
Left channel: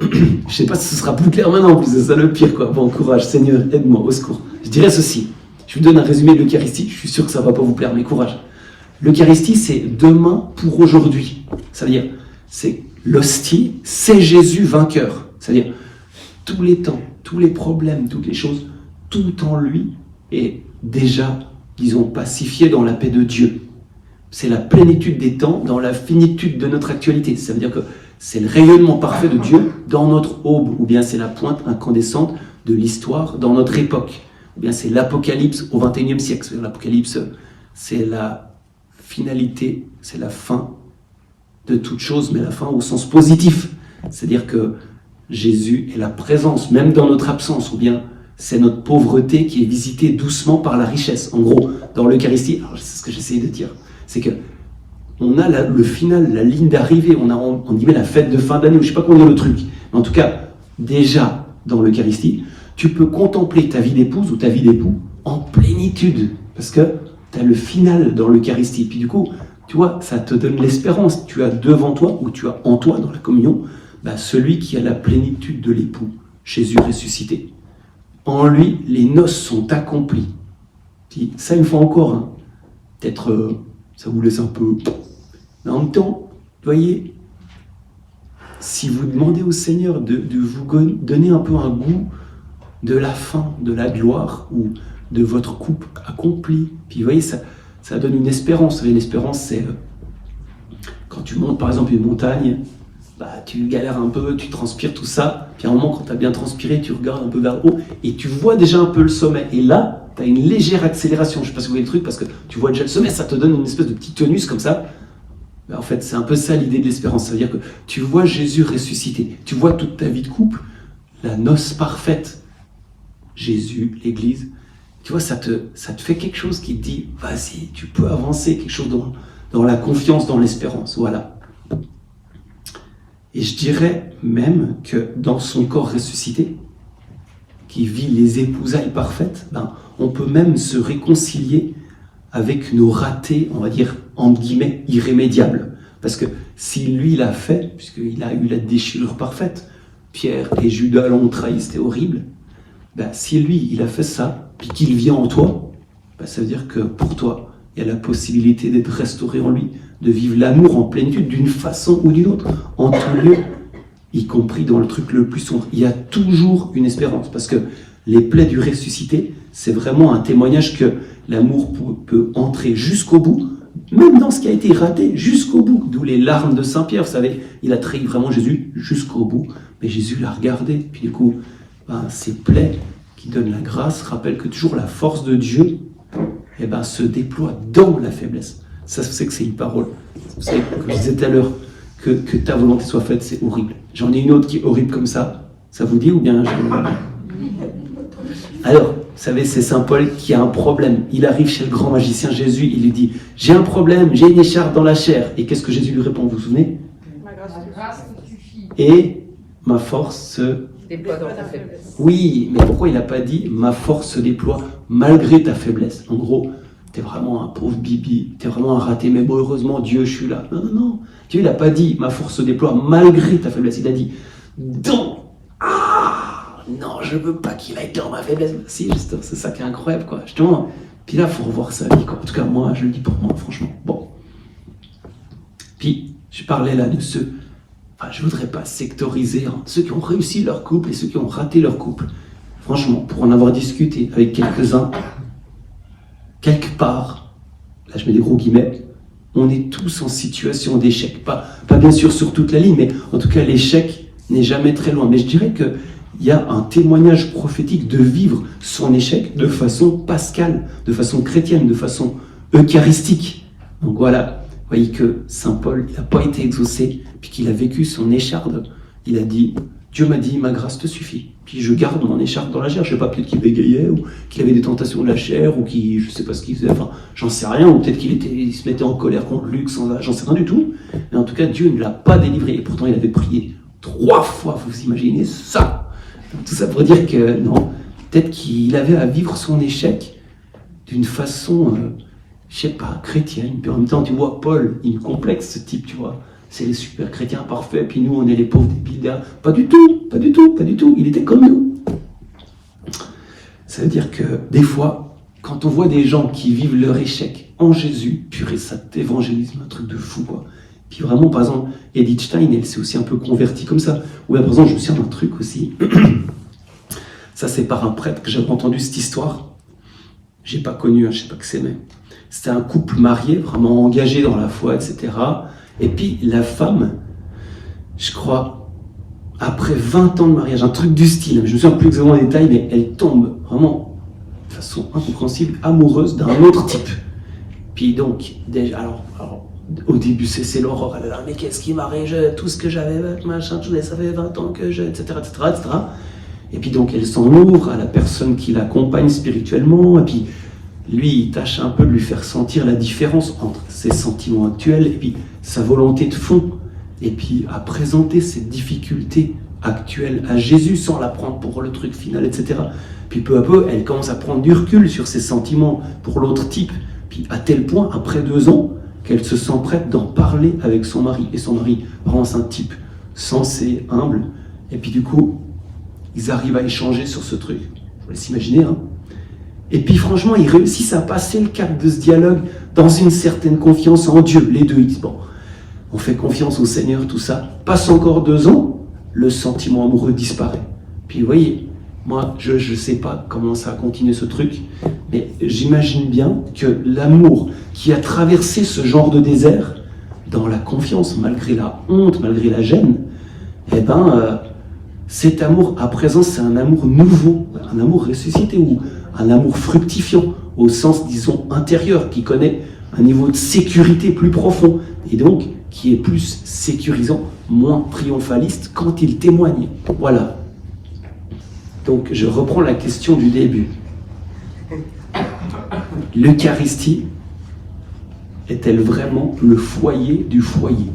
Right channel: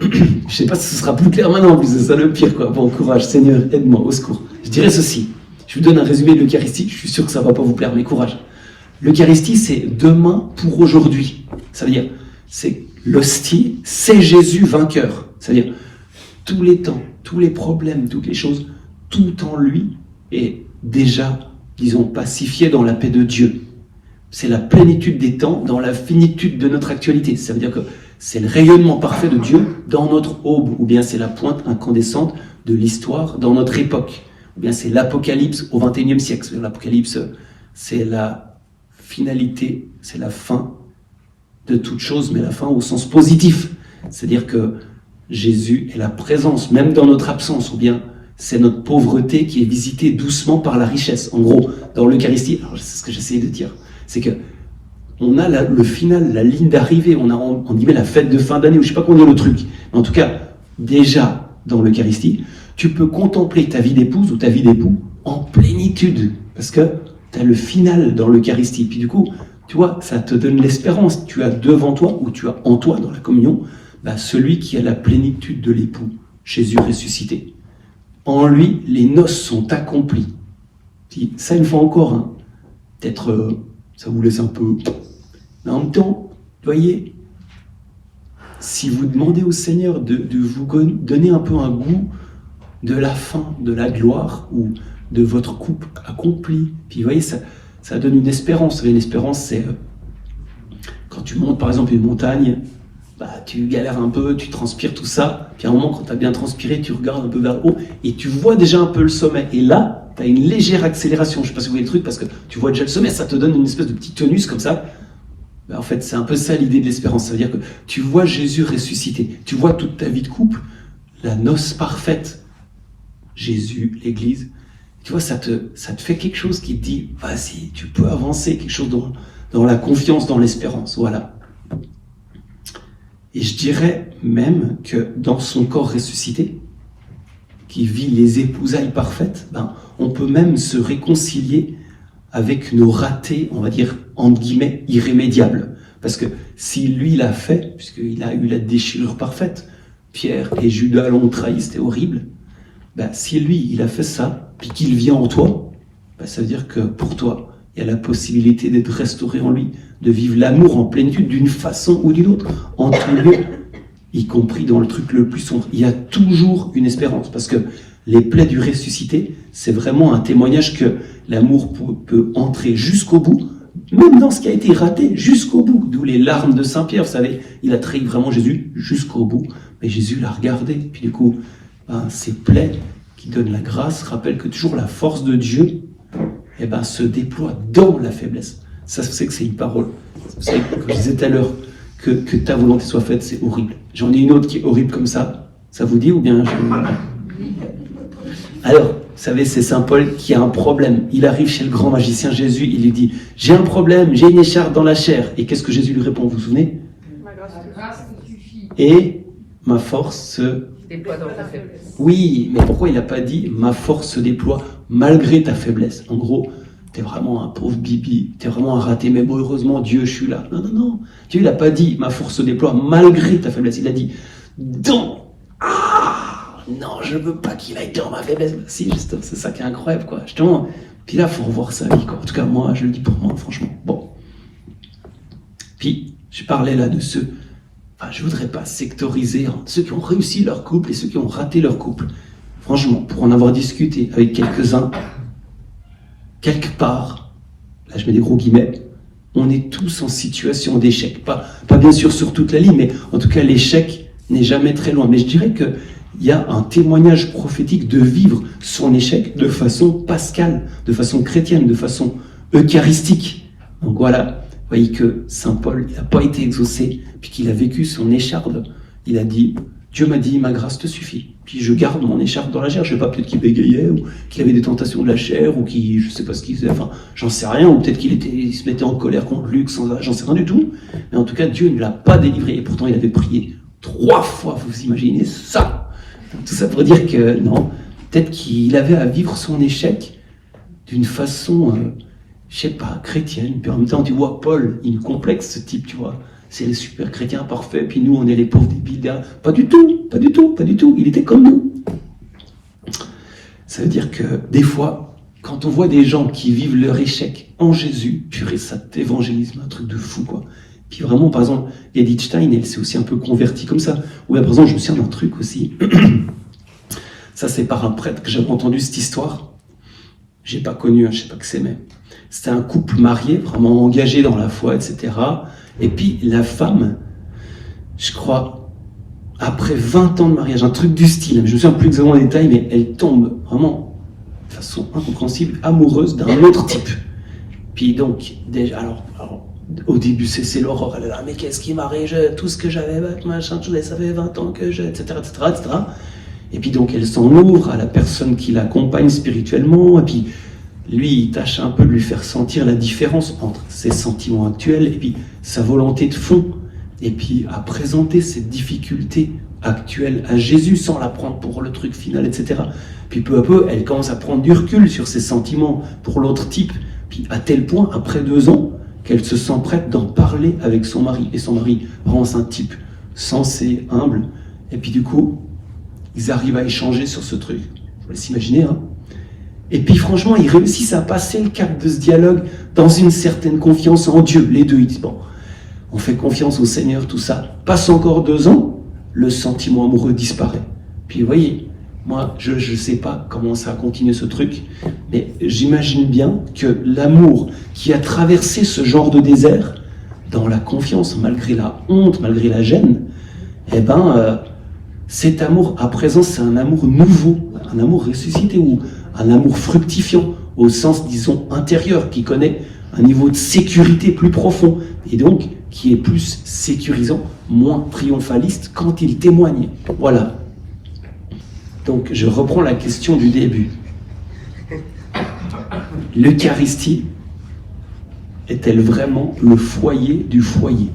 je sais pas si ce sera plus clair maintenant, en plus, c'est ça le pire, quoi. Bon, courage, Seigneur, aide-moi, au secours. Je dirais ceci, je vous donne un résumé de l'Eucharistie, je suis sûr que ça va pas vous plaire, mais courage. L'Eucharistie, c'est demain pour aujourd'hui. Ça veut dire, c'est l'hostie, c'est Jésus vainqueur. C'est-à-dire, tous les temps, tous les problèmes, toutes les choses, tout en lui est déjà, disons, pacifié dans la paix de Dieu. C'est la plénitude des temps dans la finitude de notre actualité. Ça veut dire que c'est le rayonnement parfait de Dieu dans notre aube, ou bien c'est la pointe incandescente de l'histoire dans notre époque, ou bien c'est l'Apocalypse au XXIe siècle. L'Apocalypse, c'est la finalité, c'est la fin de toute chose, mais la fin au sens positif. C'est-à-dire que Jésus est la présence, même dans notre absence, ou bien c'est notre pauvreté qui est visitée doucement par la richesse. En gros, dans l'Eucharistie, alors c'est ce que j'essayais de dire, c'est que on a le final, la ligne d'arrivée, on a on dit la fête de fin d'année, ou je sais pas comment dire le truc. Mais en tout cas, déjà dans l'Eucharistie, tu peux contempler ta vie d'épouse ou ta vie d'époux en plénitude, parce que tu as le final dans l'Eucharistie. Puis du coup, tu vois, ça te donne l'espérance. Tu as devant toi, ou tu as en toi dans la communion, celui qui a la plénitude de l'époux, Jésus ressuscité. En lui, les noces sont accomplies. Puis, ça, une fois encore, hein, peut-être ça vous laisse un peu... Mais en même temps, vous voyez, si vous demandez au Seigneur de vous donner un peu un goût de la fin, de la gloire, ou de votre couple accompli, puis vous voyez, ça donne une espérance. Vous voyez, l'espérance, c'est quand tu montes par exemple une montagne, tu galères un peu, tu transpires tout ça, puis à un moment quand tu as bien transpiré, tu regardes un peu vers le haut et tu vois déjà un peu le sommet. Et là, tu as une légère accélération. Je ne sais pas si vous voyez le truc, parce que tu vois déjà le sommet, ça te donne une espèce de petit tonus comme ça. En fait, c'est un peu ça l'idée de l'espérance. Ça veut dire que tu vois Jésus ressuscité, tu vois toute ta vie de couple, la noce parfaite, Jésus, l'Église. Tu vois, ça te fait quelque chose qui te dit, vas-y, tu peux avancer, quelque chose dans la confiance, dans l'espérance. Voilà. Et je dirais même que dans son corps ressuscité, qui vit les épousailles parfaites, on peut même se réconcilier avec nos ratés, on va dire, entre guillemets, irrémédiables. Parce que si lui l'a fait, puisqu'il a eu la déchirure parfaite, Pierre et Judas l'ont trahi, c'était horrible, si lui, il a fait ça, puis qu'il vit en toi, ça veut dire que pour toi, il y a la possibilité d'être restauré en lui, de vivre l'amour en plénitude d'une façon ou d'une autre, en tout lieu, y compris dans le truc le plus sombre. Il y a toujours une espérance, parce que les plaies du ressuscité, c'est vraiment un témoignage que l'amour peut entrer jusqu'au bout, même dans ce qui a été raté, jusqu'au bout. D'où les larmes de Saint-Pierre, vous savez, il a trahi vraiment Jésus jusqu'au bout, mais Jésus l'a regardé. Puis du coup, ces plaies qui donnent la grâce rappellent que toujours la force de Dieu se déploie dans la faiblesse. Ça, c'est que c'est une parole. Vous savez, comme je disais tout à l'heure, que ta volonté soit faite, c'est horrible. J'en ai une autre qui est horrible comme ça. Ça vous dit ou bien Alors, vous savez, c'est Saint Paul qui a un problème. Il arrive chez le grand magicien Jésus, il lui dit « J'ai un problème, j'ai une écharpe dans la chair. » Et qu'est-ce que Jésus lui répond, vous vous souvenez ? Et ma force se déploie dans ta faiblesse. Oui, mais pourquoi il n'a pas dit « Ma force se déploie malgré ta faiblesse ?» En gros, t'es vraiment un pauvre bibi, t'es vraiment un raté, mais bon, heureusement, Dieu, je suis là. Non, non, non. Dieu, il n'a pas dit « Ma force se déploie malgré ta faiblesse ». Il a dit « Dans... non, je veux pas qu'il aille dans ma faiblesse. » Si, juste, c'est ça qui est incroyable, quoi. Justement, puis là, il faut revoir sa vie, quoi. En tout cas, moi, je le dis pour moi, franchement. Bon. Puis, je parlais là de ceux... je voudrais pas sectoriser ceux qui ont réussi leur couple et ceux qui ont raté leur couple. Franchement, pour en avoir discuté avec quelques-uns, quelque part, là je mets des gros guillemets, on est tous en situation d'échec. Pas bien sûr sur toute la ligne, mais en tout cas l'échec, n'est jamais très loin. Mais je dirais qu'il y a un témoignage prophétique de vivre son échec de façon pascale, de façon chrétienne, de façon eucharistique. Donc voilà, vous voyez que Saint Paul n'a pas été exaucé, puis qu'il a vécu son écharpe. Il a dit, Dieu m'a dit, ma grâce te suffit. Puis je garde mon écharpe dans la chair. Je ne sais pas, peut-être qu'il bégayait, ou qu'il avait des tentations de la chair, ou qu'il, je ne sais pas ce qu'il faisait, enfin, j'en sais rien, ou peut-être qu'il se mettait en colère contre Luc, j'en sais rien du tout. Mais en tout cas, Dieu ne l'a pas délivré. Et pourtant, il avait prié 3 fois, vous imaginez ça? Donc, tout ça pour dire que, non, peut-être qu'il avait à vivre son échec d'une façon, je sais pas, chrétienne. Puis en même temps, tu vois, Paul, il complexe ce type, tu vois. C'est les super chrétiens parfaits, puis nous, on est les pauvres débiles. Pas du tout, pas du tout, pas du tout. Il était comme nous. Ça veut dire que, des fois, quand on voit des gens qui vivent leur échec en Jésus, purée, ça t'évangélise, un truc de fou, quoi. Puis vraiment, par exemple, Edith Stein, elle s'est aussi un peu convertie comme ça. Ou par exemple, je me souviens d'un truc aussi. Ça, c'est par un prêtre que j'avais entendu cette histoire. J'ai pas connu, je sais pas que c'est, mais c'était un couple marié, vraiment engagé dans la foi, etc. Et puis la femme, je crois, après 20 ans de mariage, un truc du style, je me souviens plus exactement des détails, mais elle tombe vraiment de façon incompréhensible, amoureuse d'un autre type. Puis donc, déjà, alors au début, c'est l'horreur, elle est là, mais qu'est-ce qui m'arrive, tout ce que j'avais, machin, ça fait 20 ans que je, etc., etc., etc. Et puis donc, elle s'en ouvre à la personne qui l'accompagne spirituellement, et puis lui, il tâche un peu de lui faire sentir la différence entre ses sentiments actuels et puis sa volonté de fond. Et puis à présenter ses difficultés actuelles à Jésus sans la prendre pour le truc final, etc. Puis peu à peu, elle commence à prendre du recul sur ses sentiments pour l'autre type. Puis à tel point, après 2 ans, qu'elle se sent prête d'en parler avec son mari. Et son mari, vraiment, c'est un type sensé, humble. Et puis du coup, ils arrivent à échanger sur ce truc. Je vous laisse imaginer, hein. Et puis franchement, ils réussissent à passer le cap de ce dialogue dans une certaine confiance en Dieu. Les deux, ils disent, bon, on fait confiance au Seigneur, tout ça. Passe encore 2 ans, le sentiment amoureux disparaît. Puis vous voyez, moi, je ne sais pas comment ça a continué ce truc, mais j'imagine bien que l'amour qui a traversé ce genre de désert, dans la confiance, malgré la honte, malgré la gêne, eh ben, cet amour, à présent, c'est un amour nouveau, un amour ressuscité, ou un amour fructifiant, au sens, disons, intérieur, qui connaît un niveau de sécurité plus profond, et donc qui est plus sécurisant, moins triomphaliste quand il témoigne. Voilà. Donc, je reprends la question du début. L'Eucharistie est-elle vraiment le foyer du foyer?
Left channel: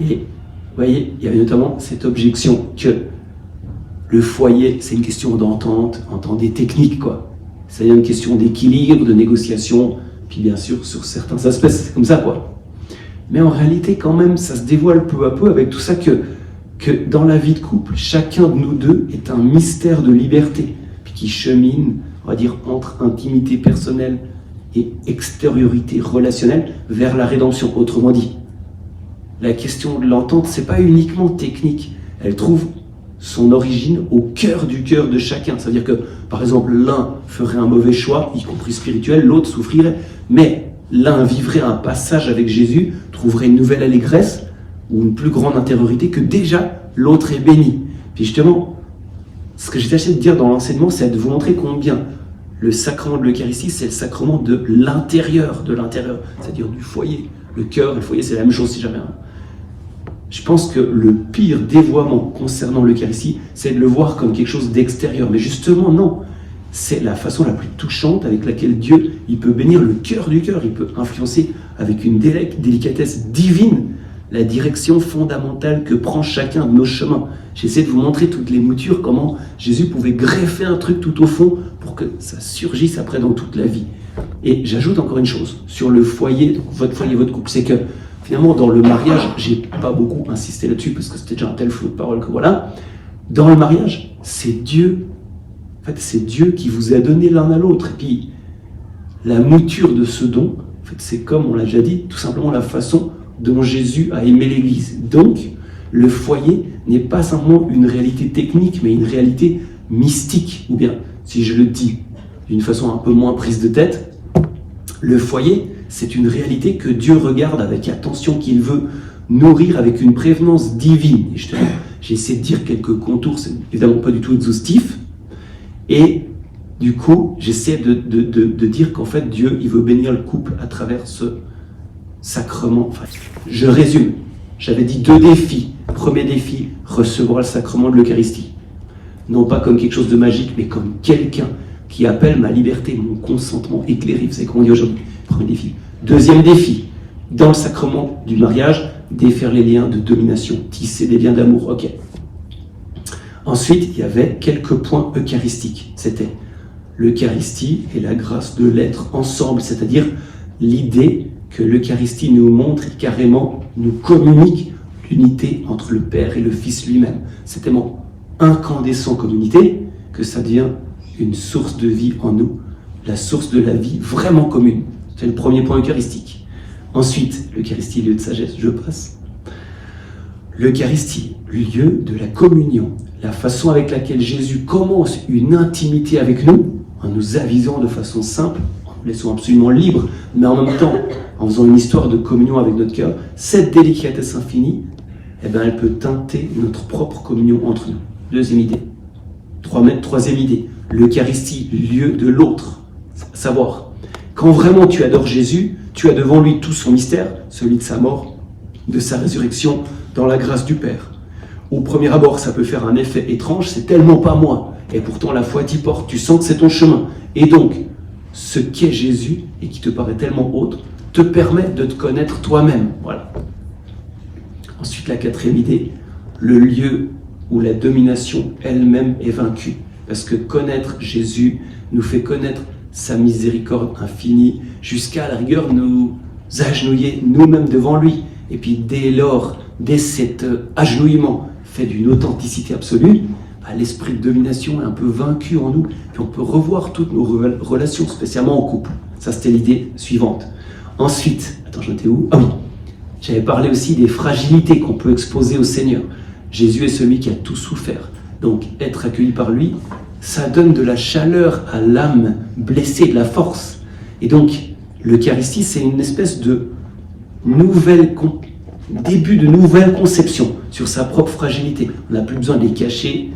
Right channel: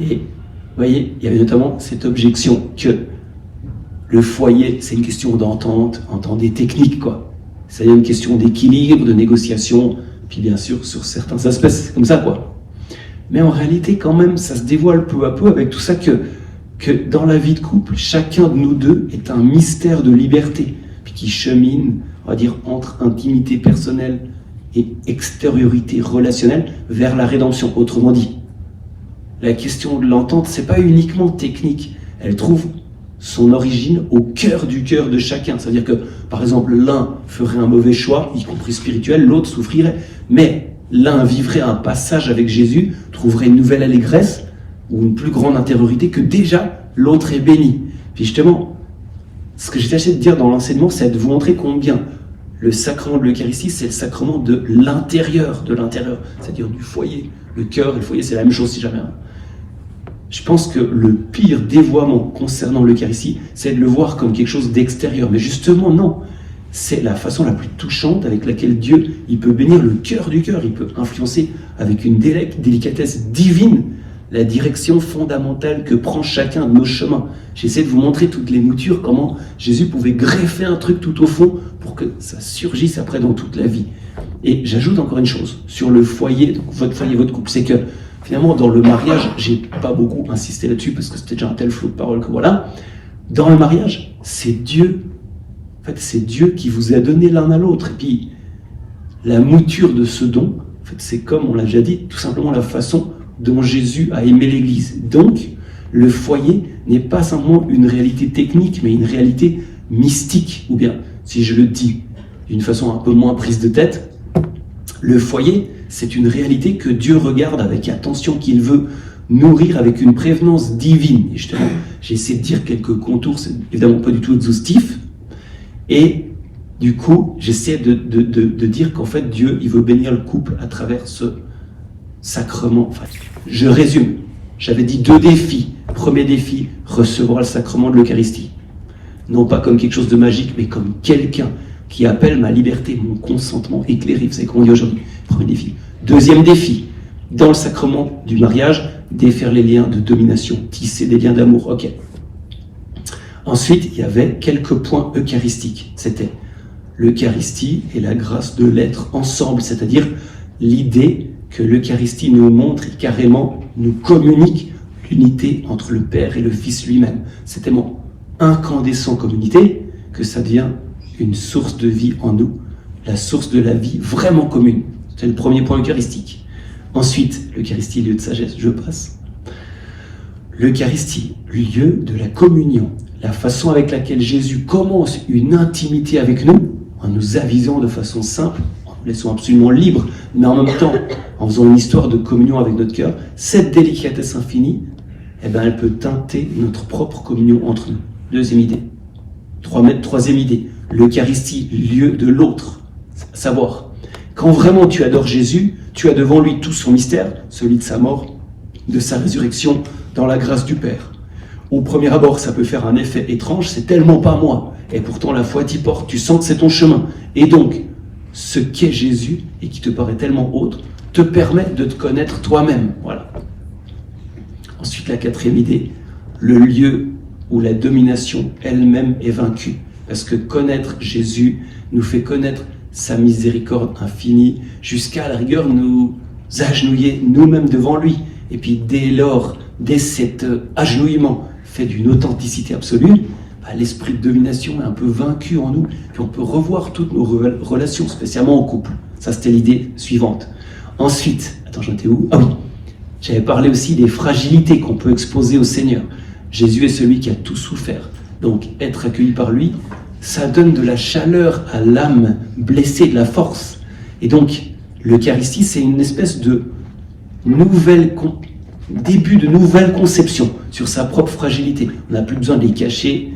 Et, vous voyez, il y avait notamment cette objection que le foyer, c'est une question d'entente, entendez technique, quoi. C'est une question d'équilibre, de négociation, puis bien sûr, sur certains aspects, c'est comme ça, quoi. Mais en réalité, quand même, ça se dévoile peu à peu avec tout ça que dans la vie de couple, chacun de nous deux est un mystère de liberté, puis qui chemine, on va dire, entre intimité personnelle et extériorité relationnelle vers la rédemption. Autrement dit, la question de l'entente, c'est pas uniquement technique, elle trouve son origine au cœur de chacun. C'est-à-dire que, par exemple, l'un ferait un mauvais choix, y compris spirituel, l'autre souffrirait, mais l'un vivrait un passage avec Jésus, trouverait une nouvelle allégresse ou une plus grande intériorité que déjà l'autre est béni. Puis justement, ce que j'ai tâché de dire dans l'enseignement, c'est de vous montrer combien le sacrement de l'Eucharistie, c'est le sacrement de l'intérieur, c'est-à-dire du foyer. Le cœur et le foyer, c'est la même chose si jamais. Je pense que le pire dévoiement concernant l'Eucharistie, c'est de le voir comme quelque chose d'extérieur. Mais justement, non. C'est la façon la plus touchante avec laquelle Dieu, il peut bénir le cœur du cœur. Il peut influencer avec une délicatesse divine la direction fondamentale que prend chacun de nos chemins. J'essaie de vous montrer toutes les moutures, comment Jésus pouvait greffer un truc tout au fond pour que ça surgisse après dans toute la vie. Et j'ajoute encore une chose sur le foyer, donc votre foyer, votre couple, c'est que finalement, dans le mariage, j'ai pas beaucoup insisté là-dessus parce que c'était déjà un tel flot de paroles que voilà. Dans le mariage, c'est Dieu. En fait, c'est Dieu qui vous a donné l'un à l'autre. Et puis, la mouture de ce don, en fait, c'est comme on l'a déjà dit, tout simplement la façon dont Jésus a aimé l'Église. Donc, le foyer n'est pas simplement une réalité technique, mais une réalité mystique. Ou bien, si je le dis d'une façon un peu moins prise de tête, le foyer, c'est une réalité que Dieu regarde avec attention, qu'il veut nourrir avec une prévenance divine. Et justement, j'ai essayé de dire quelques contours, c'est évidemment pas du tout exhaustif. Et du coup, j'essaie de dire qu'en fait, Dieu, il veut bénir le couple à travers ce sacrement. Enfin, je résume. J'avais dit 2 défis. Premier défi, recevoir le sacrement de l'Eucharistie. Non pas comme quelque chose de magique, mais comme quelqu'un qui appelle ma liberté, mon consentement éclairé. Vous savez comment on dit aujourd'hui. Premier défi. Deuxième défi, dans le sacrement du mariage, défaire les liens de domination, tisser des liens d'amour. Ok. Ensuite, il y avait quelques points eucharistiques. C'était l'Eucharistie et la grâce de l'être ensemble, c'est-à-dire l'idée que l'Eucharistie nous montre et carrément nous communique l'unité entre le Père et le Fils lui-même. C'est tellement incandescent comme unité que ça devient une source de vie en nous, la source de la vie vraiment commune. C'est le premier point eucharistique. Ensuite, l'Eucharistie, lieu de sagesse, je passe. L'Eucharistie, lieu de la communion, la façon avec laquelle Jésus commence une intimité avec nous, en nous avisant de façon simple, en nous laissant absolument libres, mais en même temps, en faisant une histoire de communion avec notre cœur, cette délicatesse infinie, elle peut teinter notre propre communion entre nous. Deuxième idée. Troisième idée, l'Eucharistie, lieu de l'autre. Savoir, quand vraiment tu adores Jésus, tu as devant lui tout son mystère, celui de sa mort, de sa résurrection, dans la grâce du Père. Au premier abord, ça peut faire un effet étrange, c'est tellement pas moi. Et pourtant, la foi t'y porte, tu sens que c'est ton chemin. Et donc, ce qu'est Jésus, et qui te paraît tellement haute, te permet de te connaître toi-même. Voilà. Ensuite, la quatrième idée, le lieu où la domination elle-même est vaincue. Parce que connaître Jésus nous fait connaître sa miséricorde infinie, jusqu'à la rigueur nous agenouiller nous-mêmes devant lui. Et puis dès lors, dès cet agenouillement fait d'une authenticité absolue, l'esprit de domination est un peu vaincu en nous, puis on peut revoir toutes nos relations, spécialement au couple. Ça, c'était l'idée suivante. Ensuite, attends, j'en étais où? Ah oui, j'avais parlé aussi des fragilités qu'on peut exposer au Seigneur. Jésus est celui qui a tout souffert. Donc, être accueilli par lui, ça donne de la chaleur à l'âme blessée, de la force. Et donc, l'Eucharistie, c'est une espèce de début de nouvelle conception sur sa propre fragilité. On n'a plus besoin de les cacher,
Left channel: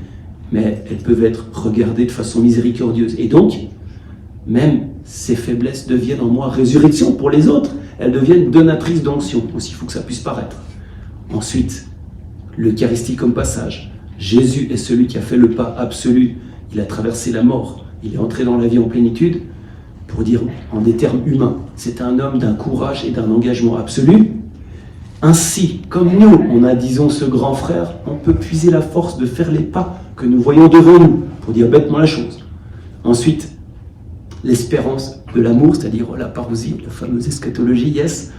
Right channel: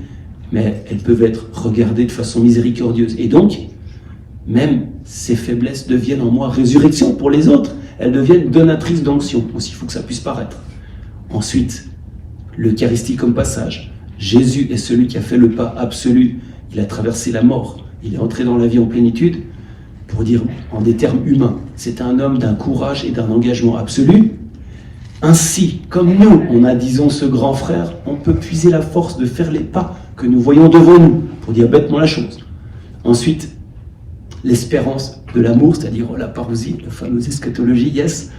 mais elles peuvent être regardées de façon miséricordieuse. Et donc, même ces faiblesses deviennent en moi résurrection pour les autres. Elles deviennent donatrices d'onction. Aussi, il faut que ça puisse paraître. Ensuite, l'Eucharistie comme passage. Jésus est celui qui a fait le pas absolu. Il a traversé la mort. Il est entré dans la vie en plénitude. Pour dire en des termes humains, c'est un homme d'un courage et d'un engagement absolu. Ainsi, comme nous, on a, disons, ce grand frère, on peut puiser la force de faire les pas que nous voyons devant nous, pour dire bêtement la chose. Ensuite, l'espérance de l'amour, c'est-à-dire la parousie, la fameuse eschatologie, yes,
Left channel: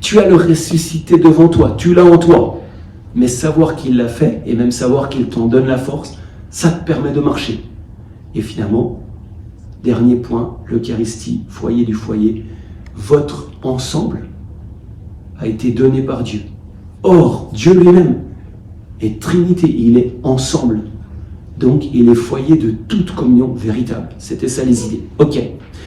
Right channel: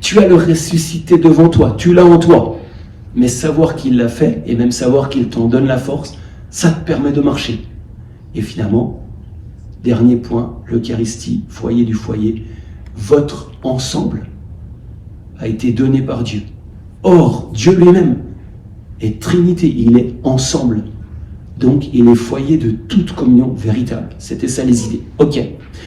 tu as le ressuscité devant toi, tu l'as en toi, mais savoir qu'il l'a fait, et même savoir qu'il t'en donne la force, ça te permet de marcher. Et finalement, dernier point, l'Eucharistie, foyer du foyer, votre ensemble a été donné par Dieu. Or, Dieu lui-même est Trinité, il est ensemble. Donc, il est foyer de toute communion véritable. C'était ça les idées. Ok.